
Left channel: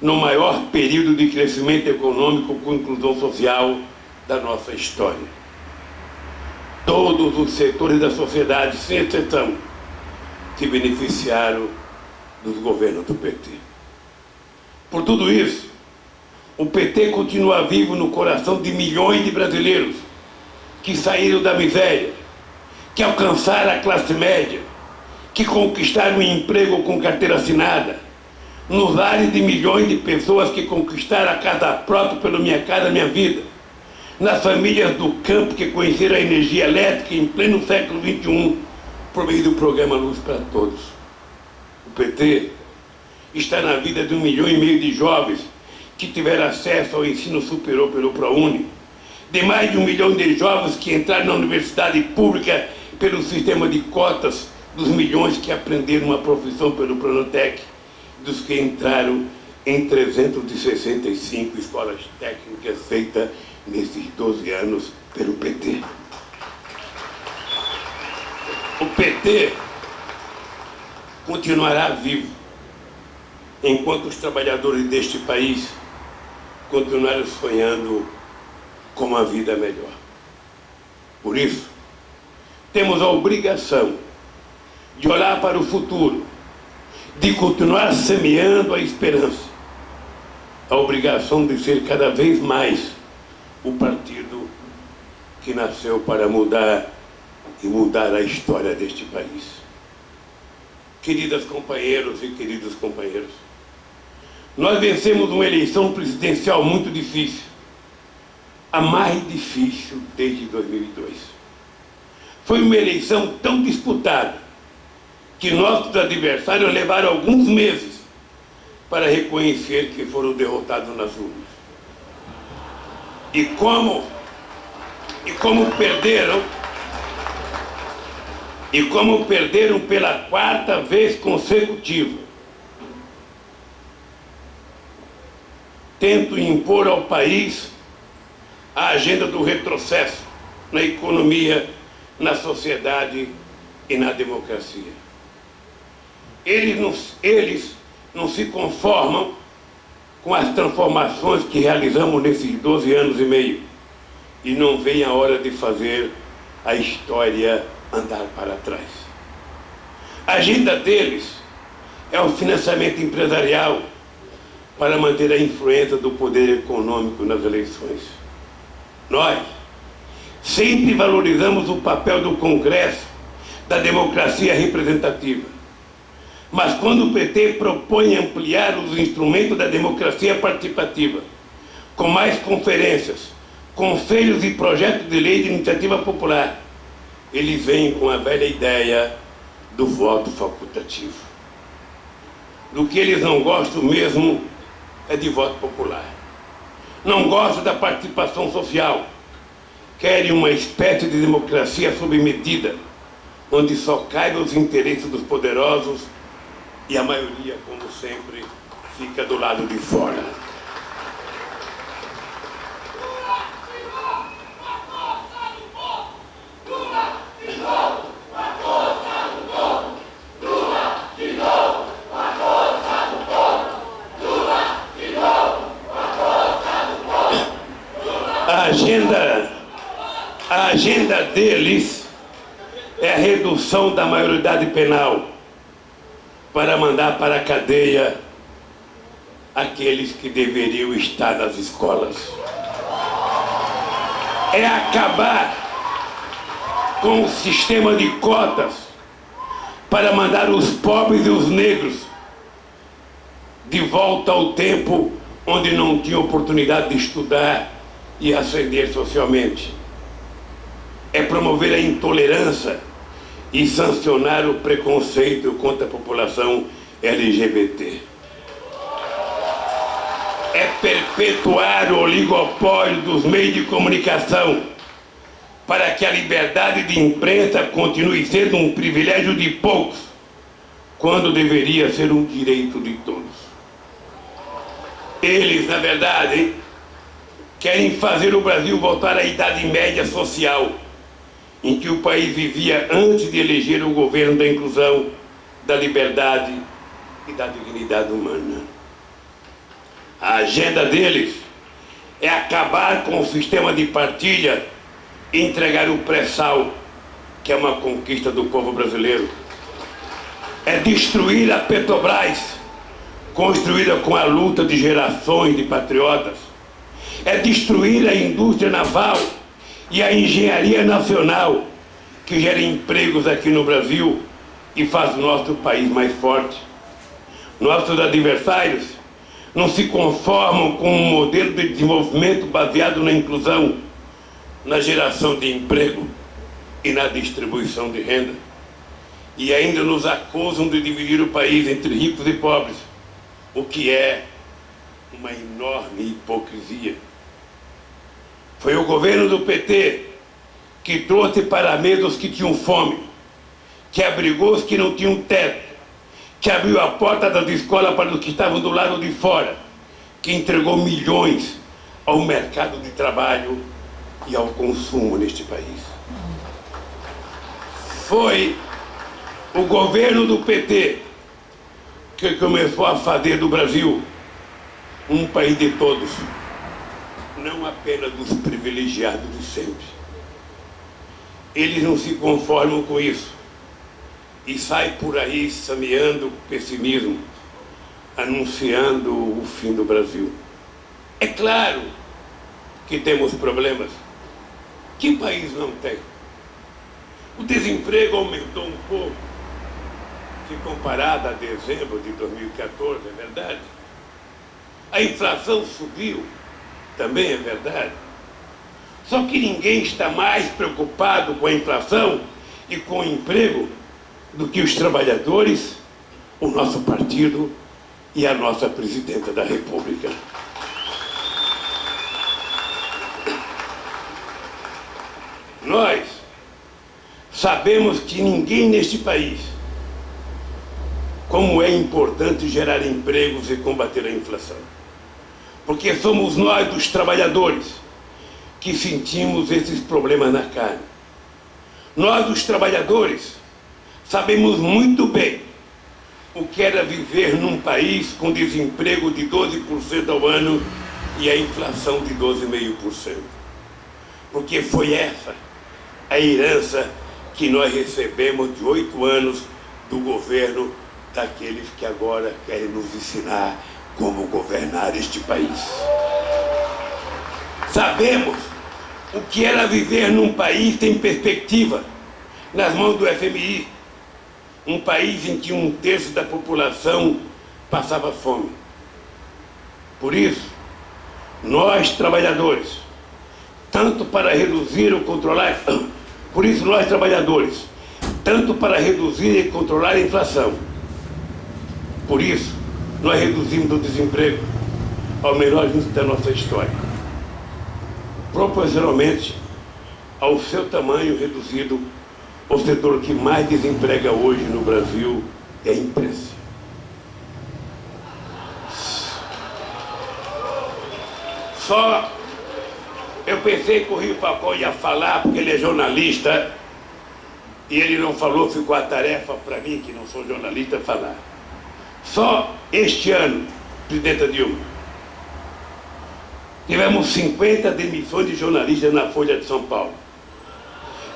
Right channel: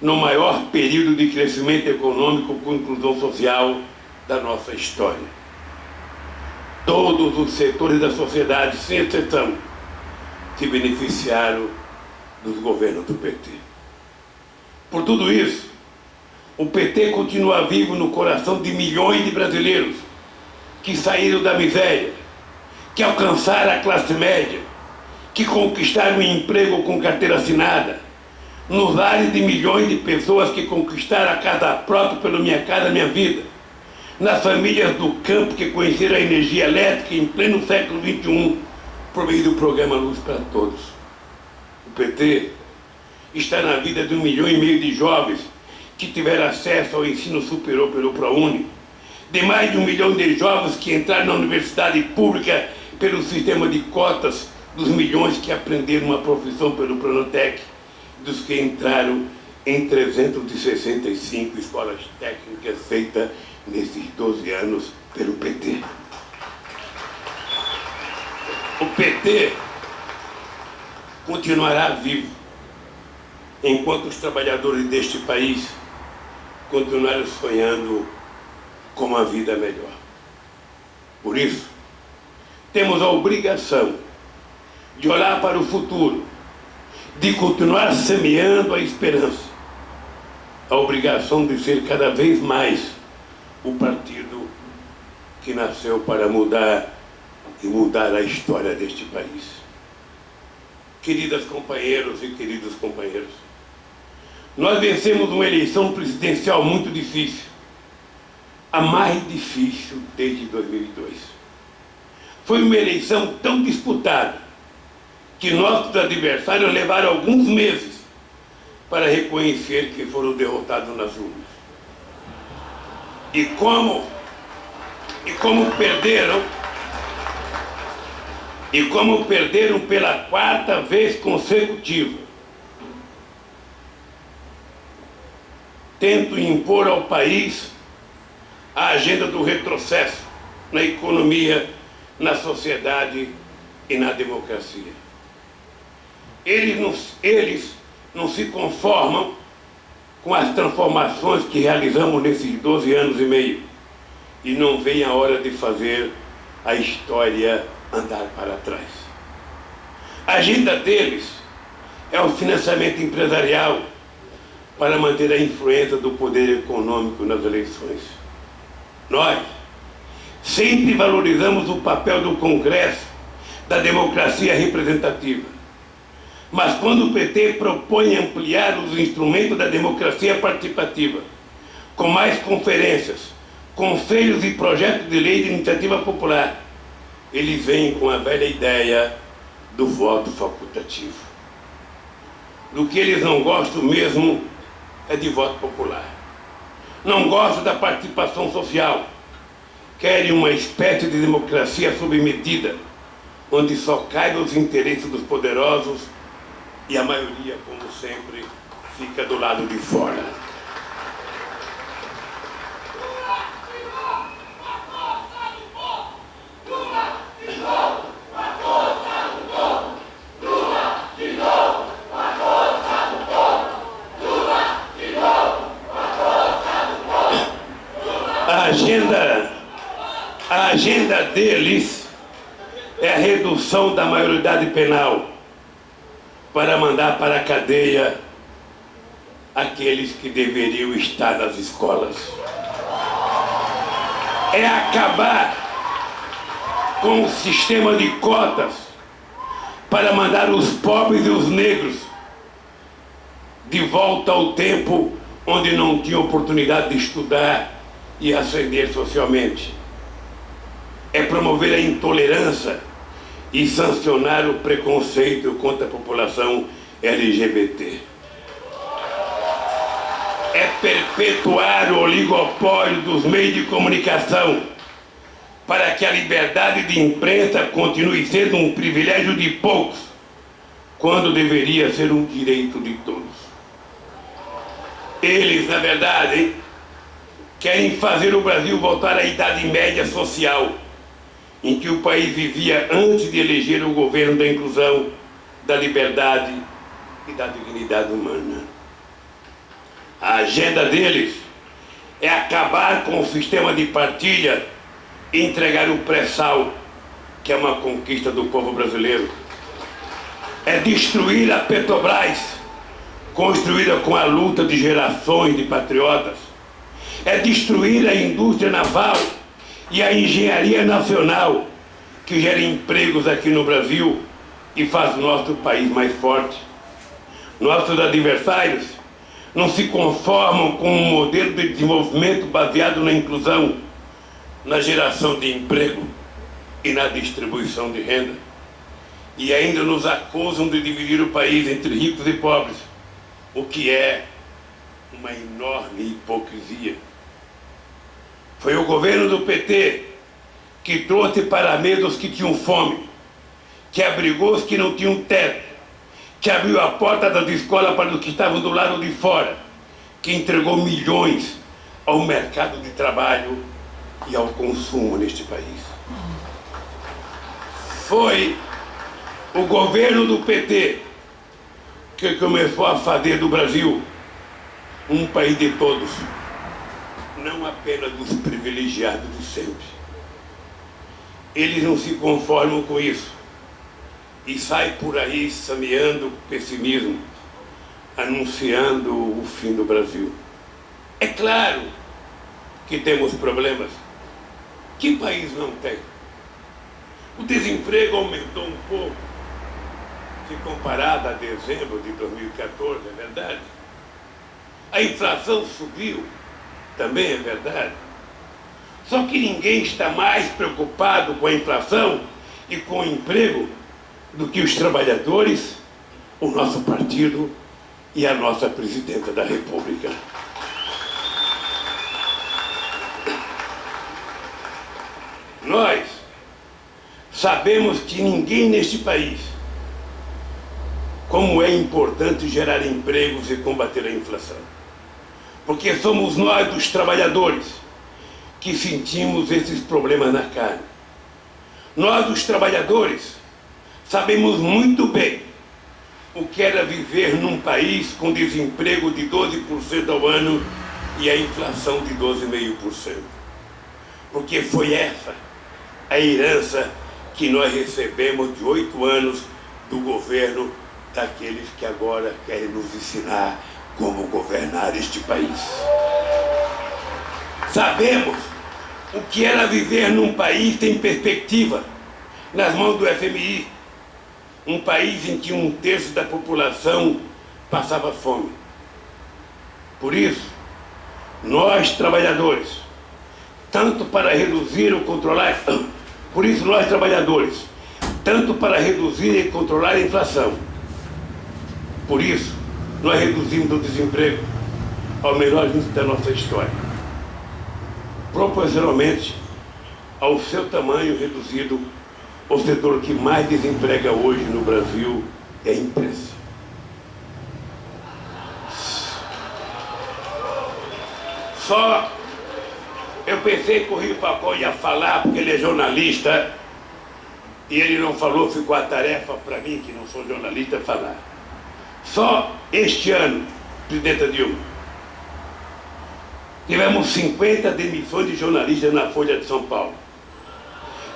no maior período de crescimento econômico com inclusão social da nossa história. Todos os setores da sociedade, sem exceção, se beneficiaram dos governos do PT. Por tudo isso, o PT continua vivo no coração de milhões de brasileiros que saíram da miséria, que alcançaram a classe média, que conquistaram um emprego com carteira assinada, nos lares de milhões de pessoas que conquistaram a casa própria pelo Minha Casa Minha Vida, nas famílias do campo que conheceram a energia elétrica em pleno século XXI, por meio do programa Luz para Todos. O PT está na vida de 1,5 milhão de jovens que tiveram acesso ao ensino superior pelo ProUni, de mais de 1 milhão de jovens que entraram na universidade pública pelo sistema de cotas, dos milhões que aprenderam uma profissão pelo Pronatec, dos que entraram em 365 escolas técnicas feitas nesses 12 anos pelo PT. O PT continuará vivo enquanto os trabalhadores deste país continuarem sonhando com uma vida melhor. Por isso, temos a obrigação de olhar para o futuro, de continuar semeando a esperança, a obrigação de ser cada vez mais o partido que nasceu para mudar e mudar a história deste país. Queridas companheiros e queridos companheiros, nós vencemos uma eleição presidencial muito difícil, a mais difícil desde 2002. Foi uma eleição tão disputada que nossos adversários levaram alguns meses para reconhecer que foram derrotados nas urnas. E como perderam pela 4ª vez consecutiva, tento impor ao país a agenda do retrocesso na economia, na sociedade e na democracia. Eles não se conformam com as transformações que realizamos nesses 12 anos e meio e não veem a hora de fazer a história andar para trás. A agenda deles é o financiamento empresarial para manter a influência do poder econômico nas eleições. Nós sempre valorizamos o papel do Congresso, da democracia representativa. Mas quando o PT propõe ampliar os instrumentos da democracia participativa, com mais conferências, conselhos e projetos de lei de iniciativa popular, eles vêm com a velha ideia do voto facultativo. Do que eles não gostam mesmo é de voto popular. Não gostam da participação social. Querem uma espécie de democracia submetida, onde só caibam os interesses dos poderosos e a maioria, como sempre, fica do lado de fora. A agenda deles é a redução da maioridade penal para mandar para a cadeia aqueles que deveriam estar nas escolas. É acabar com o sistema de cotas para mandar os pobres e os negros de volta ao tempo onde não tinham oportunidade de estudar e ascender socialmente. É promover a intolerância e sancionar o preconceito contra a população LGBT. É perpetuar o oligopólio dos meios de comunicação para que a liberdade de imprensa continue sendo um privilégio de poucos, quando deveria ser um direito de todos. Eles, na verdade, querem fazer o Brasil voltar à Idade Média social, em que o país vivia antes de eleger o governo da inclusão, da liberdade e da dignidade humana. A agenda deles é acabar com o sistema de partilha e entregar o pré-sal, que é uma conquista do povo brasileiro. É destruir a Petrobras, construída com a luta de gerações de patriotas. É destruir a indústria naval e a engenharia nacional, que gera empregos aqui no Brasil e faz o nosso país mais forte. Nossos adversários não se conformam com um modelo de desenvolvimento baseado na inclusão, na geração de emprego e na distribuição de renda. E ainda nos acusam de dividir o país entre ricos e pobres, o que é uma enorme hipocrisia. Foi o governo do PT que trouxe para a mesa os que tinham fome, que abrigou os que não tinham teto, que abriu a porta das escolas para os que estavam do lado de fora, que entregou milhões ao mercado de trabalho e ao consumo neste país. Foi o governo do PT que começou a fazer do Brasil um país de todos, não apenas dos privilegiados de sempre. Eles não se conformam com isso e saem por aí semeando pessimismo, anunciando o fim do Brasil. É claro que temos problemas. Que país não tem? O desemprego aumentou um pouco, se comparado a dezembro de 2014, é verdade. A inflação subiu, também é verdade. Só que ninguém está mais preocupado com a inflação e com o emprego do que os trabalhadores, o nosso partido e a nossa presidenta da República. Nós sabemos que ninguém neste país, como é importante gerar empregos e combater a inflação. Porque somos nós, os trabalhadores, que sentimos esses problemas na carne. Nós, os trabalhadores, sabemos muito bem o que era viver num país com desemprego de 12% ao ano e a inflação de 12,5%. Porque foi essa a herança que nós recebemos de 8 anos do governo daqueles que agora querem nos ensinar como governar este país. Sabemos o que era viver num país sem perspectiva, nas mãos do FMI, um país em que 1/3 da população passava fome. Por isso, nós trabalhadores, tanto para reduzir ou controlar, por isso nós trabalhadores, tanto para reduzir e controlar a inflação, por isso nós reduzimos o desemprego ao menor índice da nossa história, proporcionalmente ao seu tamanho reduzido. O setor que mais desemprega hoje no Brasil é a imprensa. Só eu pensei que o Rio Falcão ia falar, porque ele é jornalista, e ele não falou, ficou a tarefa para mim, que não sou jornalista, falar. Só este ano, presidenta Dilma, tivemos 50 demissões de jornalistas na Folha de São Paulo,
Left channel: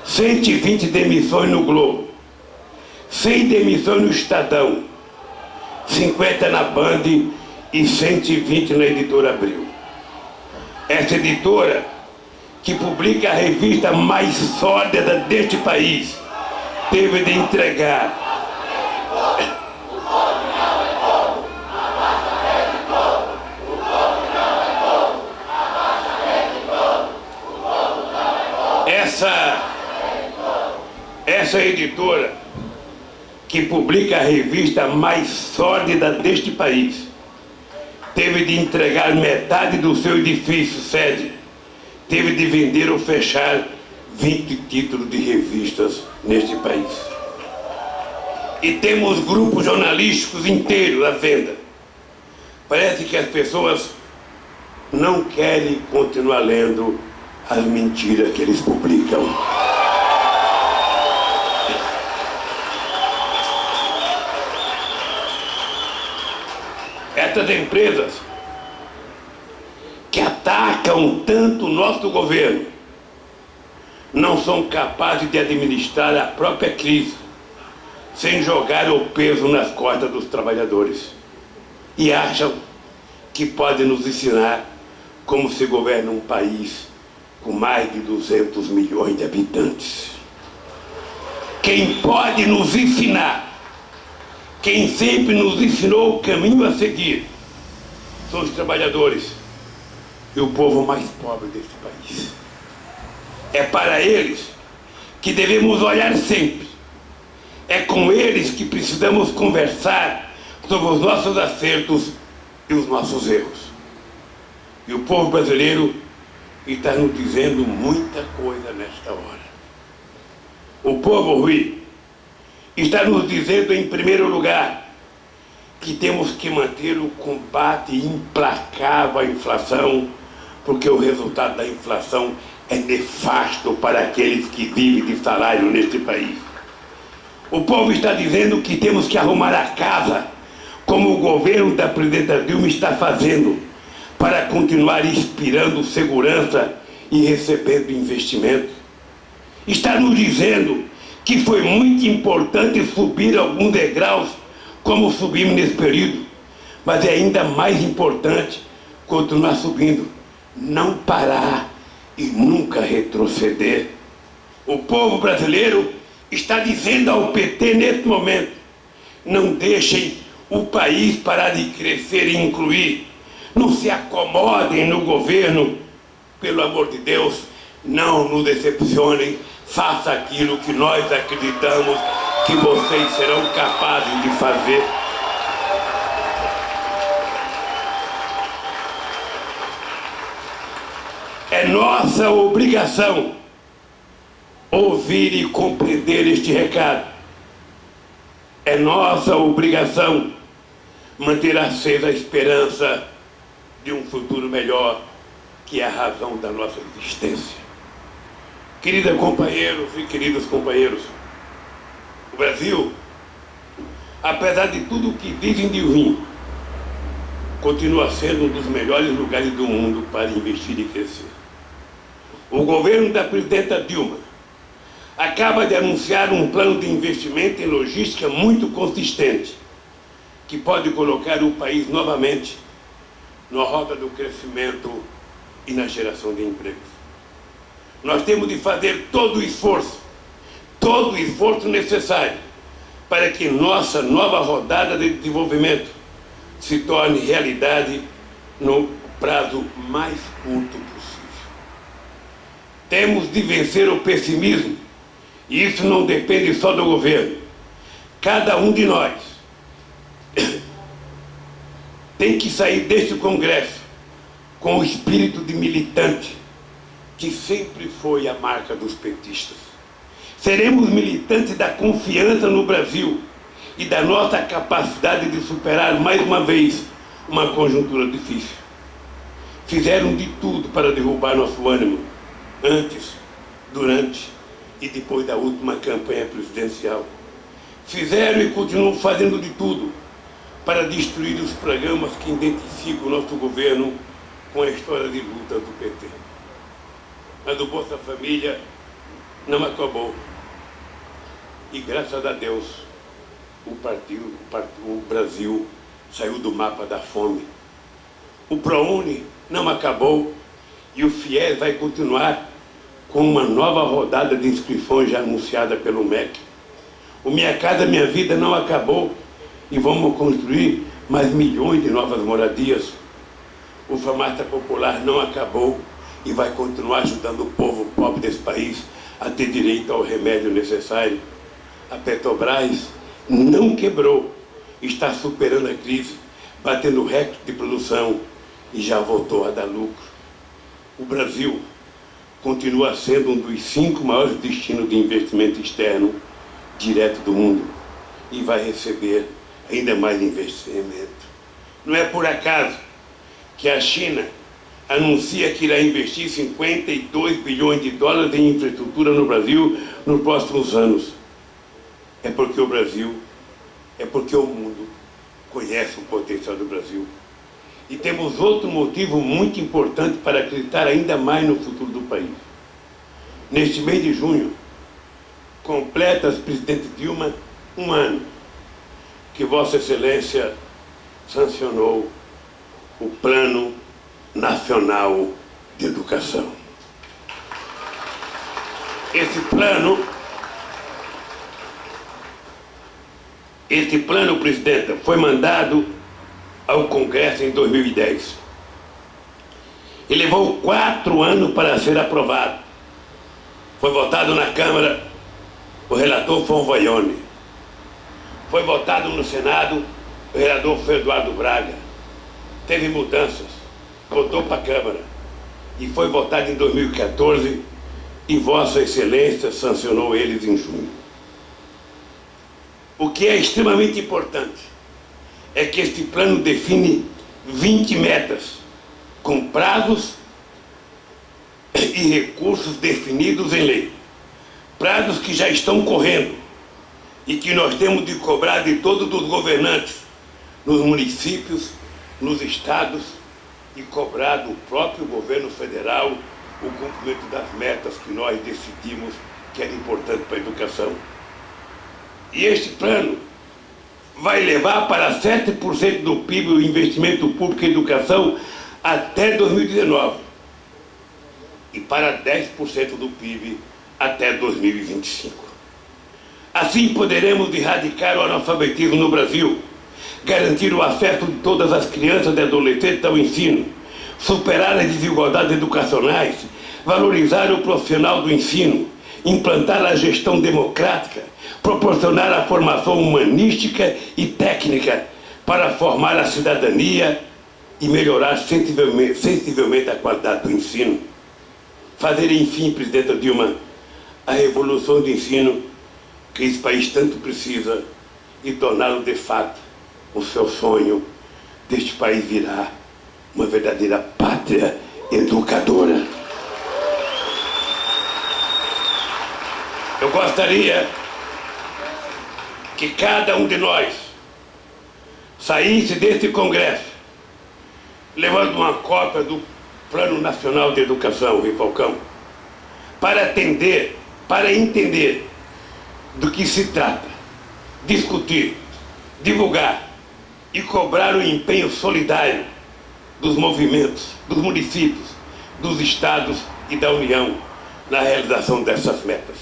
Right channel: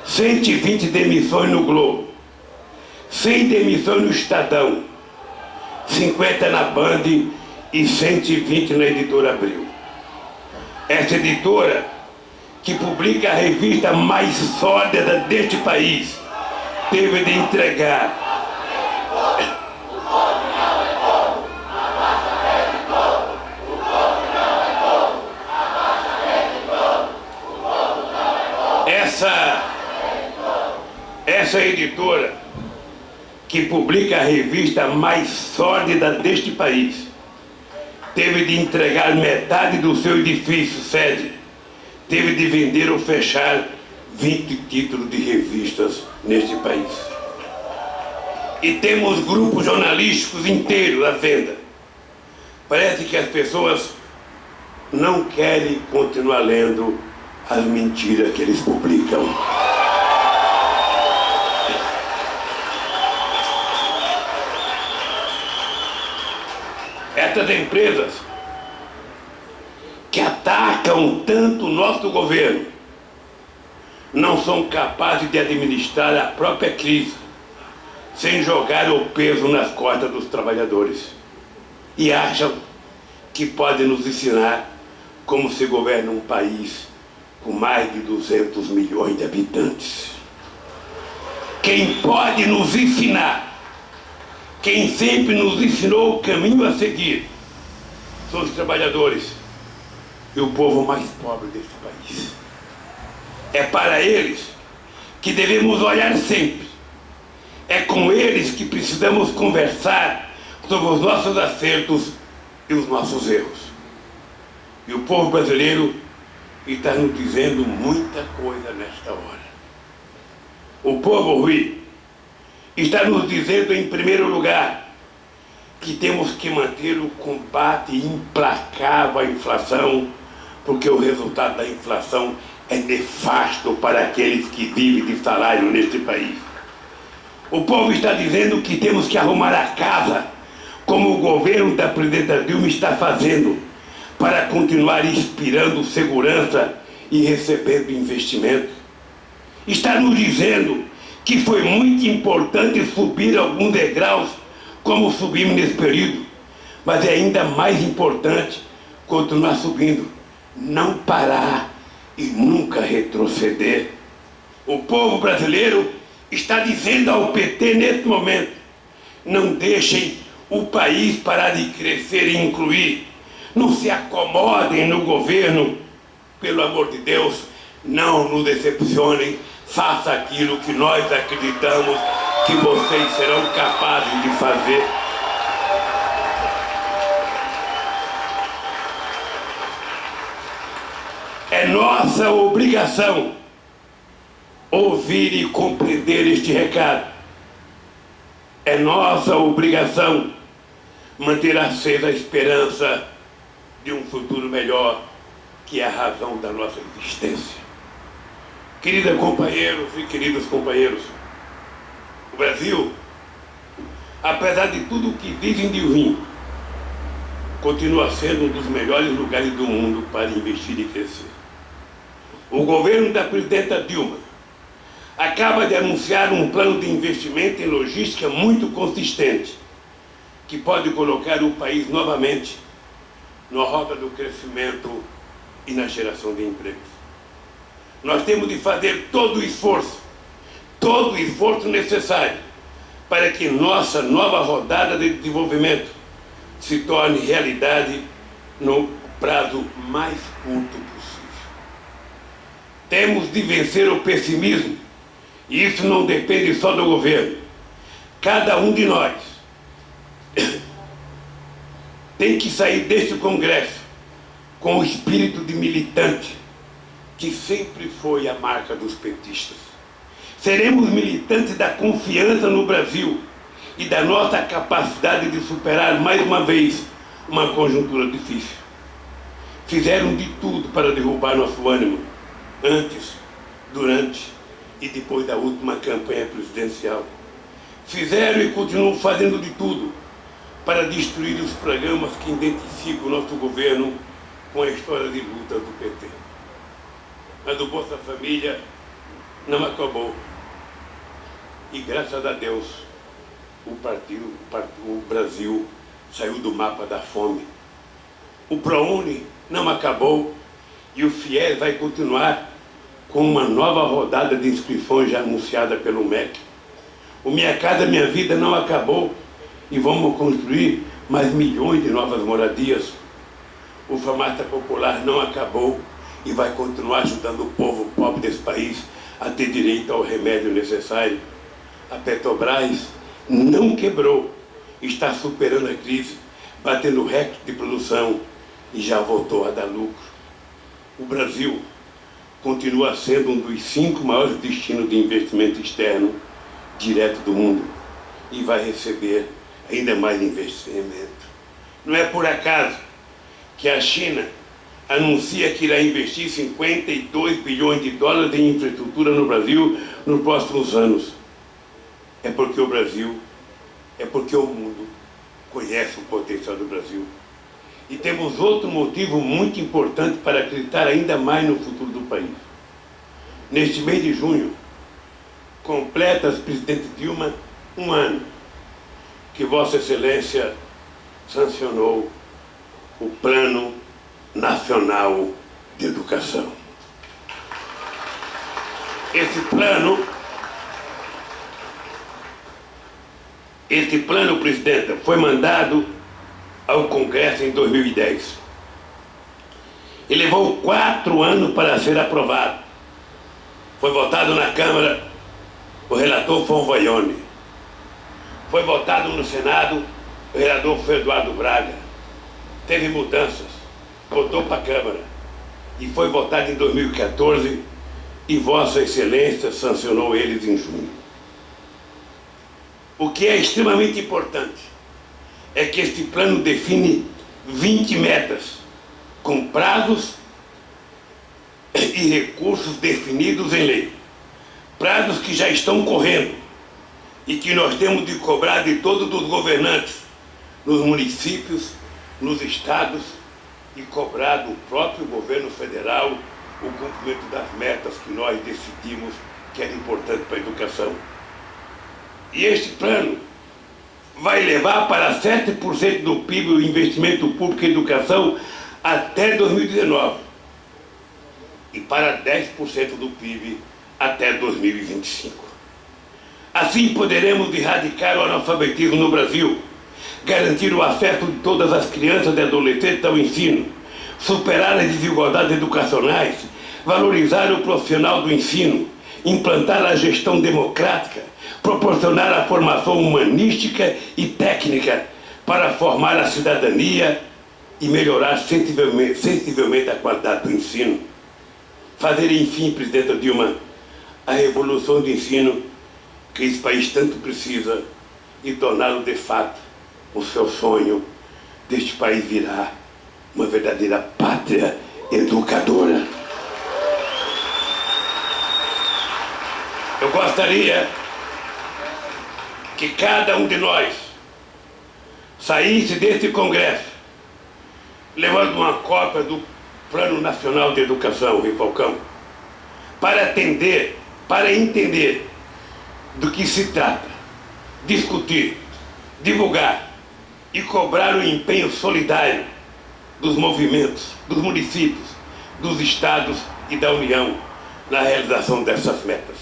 120 demissões no Globo, 100 demissões no Estadão, 50 na Band e 120 na Editora Abril. Essa editora, que publica a revista mais sórdida deste país, teve de entregar essa editora, que publica a revista mais sórdida deste país, teve de entregar metade do seu edifício sede, teve de vender ou fechar 20 títulos de revistas neste país. E temos grupos jornalísticos inteiros à venda. Parece que as pessoas não querem continuar lendo as mentiras que eles publicam. Essas empresas que atacam tanto o nosso governo não são capazes de administrar a própria crise sem jogar o peso nas costas dos trabalhadores, e acham que podem nos ensinar como se governa um país com mais de 200 milhões de habitantes. Quem pode nos ensinar, quem sempre nos ensinou o caminho a seguir, são os trabalhadores e o povo mais pobre deste país. É para eles que devemos olhar sempre. É com eles que precisamos conversar sobre os nossos acertos e os nossos erros. E o povo brasileiro está nos dizendo muita coisa nesta hora. O povo, Rui, está nos dizendo, em primeiro lugar, que temos que manter o combate implacável à inflação, porque o resultado da inflação é nefasto para aqueles que vivem de salário neste país. O povo está dizendo que temos que arrumar a casa, como o governo da presidenta Dilma está fazendo, para continuar inspirando segurança e recebendo investimento. Está nos dizendo que foi muito importante subir alguns degraus, como subimos nesse período, mas é ainda mais importante continuar subindo, não parar e nunca retroceder. O povo brasileiro está dizendo ao PT nesse momento: não deixem o país parar de crescer e incluir, não se acomodem no governo, pelo amor de Deus, Não nos decepcionem, faça aquilo que nós acreditamos que vocês serão capazes de fazer. É nossa obrigação ouvir e compreender este recado. É nossa obrigação manter acesa a esperança de um futuro melhor, que é a razão da nossa existência. Queridas companheiros e queridos companheiros, o Brasil, apesar de tudo o que dizem de ruim, continua sendo um dos melhores lugares do mundo para investir e crescer. O governo da presidenta Dilma acaba de anunciar um plano de investimento em logística muito consistente, que pode colocar o país novamente na rota do crescimento e na geração de empregos. Nós temos de fazer todo o esforço necessário para que nossa nova rodada de desenvolvimento se torne realidade no prazo mais curto possível. Temos de vencer o pessimismo, e isso não depende só do governo. Cada um de nós tem que sair deste Congresso com o espírito de militante, que sempre foi a marca dos petistas. Seremos militantes da confiança no Brasil e da nossa capacidade de superar mais uma vez uma conjuntura difícil. Fizeram de tudo para derrubar nosso ânimo, antes, durante e depois da última campanha presidencial. Fizeram e continuam fazendo de tudo para destruir os programas que identificam o nosso governo com a história de luta do PT. Mas o Bolsa Família não acabou. E graças a Deus, o Brasil saiu do mapa da fome. O ProUni não acabou e o FIES vai continuar com uma nova rodada de inscrições já anunciada pelo MEC. O Minha Casa Minha Vida não acabou e vamos construir mais milhões de novas moradias. O Farmácia Popular não acabou e vai continuar ajudando o povo pobre desse país a ter direito ao remédio necessário. A Petrobras não quebrou, está superando a crise, batendo recorde de produção e já voltou a dar lucro. O Brasil continua sendo um dos 5 maiores destinos de investimento externo direto do mundo e vai receber ainda mais investimento. Não é por acaso que a China anuncia que irá investir 52 bilhões de dólares em infraestrutura no Brasil nos próximos anos. É porque o Brasil, é porque o mundo conhece o potencial do Brasil. E temos outro motivo muito importante para acreditar ainda mais no futuro do país. Neste mês de junho, completa a presidente Dilma 1 ano que Vossa Excelência sancionou o Plano Nacional de Educação. Esse plano, presidenta, foi mandado ao Congresso em 2010. E levou 4 anos para ser aprovado. Foi votado na Câmara, o relator foi o Vaione. Foi votado no Senado, o relator foi Eduardo Braga. Teve mudanças, voltou para a Câmara e foi votado em 2014 e Vossa Excelência sancionou eles em junho. O que é extremamente importante é que este plano define 20 metas, com prazos e recursos definidos em lei. Prazos que já estão correndo e que nós temos de cobrar de todos os governantes, nos municípios, nos estados, e cobrar do próprio governo federal o cumprimento das metas que nós decidimos que era importante para a educação. E este plano vai levar para 7% do PIB o investimento público em educação até 2019 e para 10% do PIB até 2025. Assim poderemos erradicar o analfabetismo no Brasil, garantir o acesso de todas as crianças e adolescentes ao ensino, superar as desigualdades educacionais, valorizar o profissional do ensino, implantar a gestão democrática, proporcionar a formação humanística e técnica para formar a cidadania e melhorar sensivelmente a qualidade do ensino. Fazer, enfim, presidenta Dilma, a revolução do ensino que esse país tanto precisa e torná-lo de fato o seu sonho deste país virar uma verdadeira pátria educadora. Eu gostaria que cada um de nós saísse desse congresso levando uma cópia do Plano Nacional de Educação, Rui Falcão, para entender do que se trata, discutir, divulgar e cobrar o empenho solidário dos movimentos, dos municípios, dos estados e da União na realização dessas metas.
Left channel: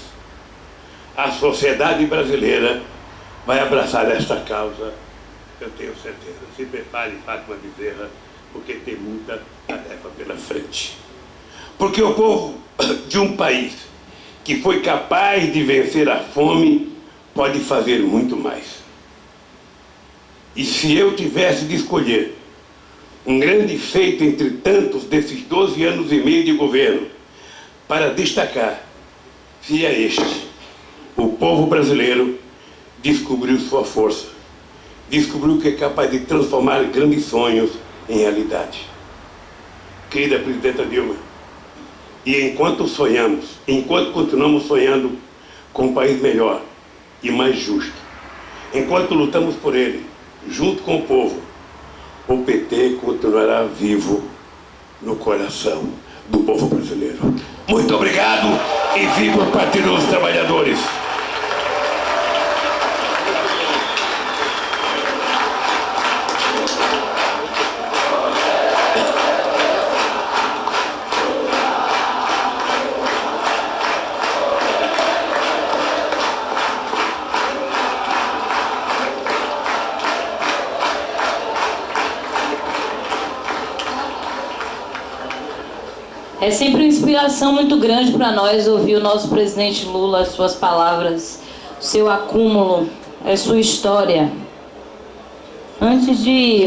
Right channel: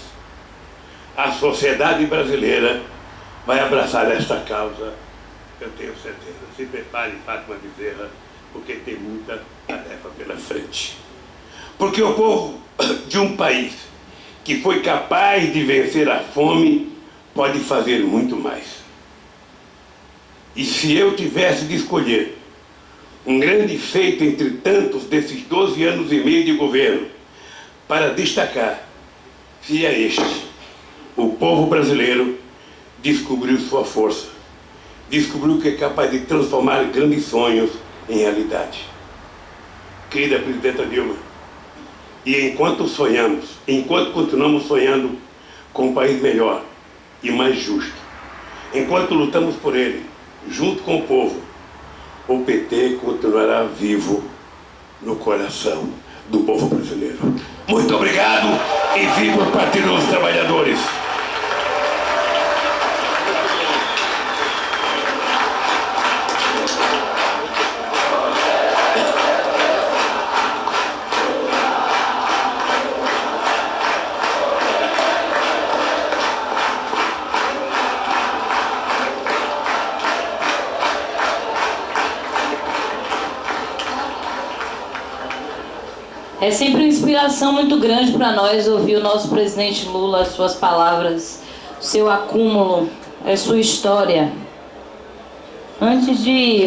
A sociedade brasileira vai abraçar esta causa, eu tenho certeza. Se prepare, Fátima Bezerra, porque tem muita tarefa pela frente. Porque o povo de um país que foi capaz de vencer a fome pode fazer muito mais. E se eu tivesse de escolher um grande feito entre tantos desses 12 anos e meio de governo para destacar, seria este: o povo brasileiro descobriu sua força, descobriu que é capaz de transformar grandes sonhos em realidade. Querida presidenta Dilma, e enquanto continuamos sonhando com um país melhor e mais justo, enquanto lutamos por ele, junto com o povo, o PT continuará vivo no coração do povo brasileiro. Muito obrigado e viva o Partido dos Trabalhadores! É sempre uma inspiração muito grande para nós ouvir o nosso presidente Lula, as suas palavras, o seu acúmulo, a sua história. Antes de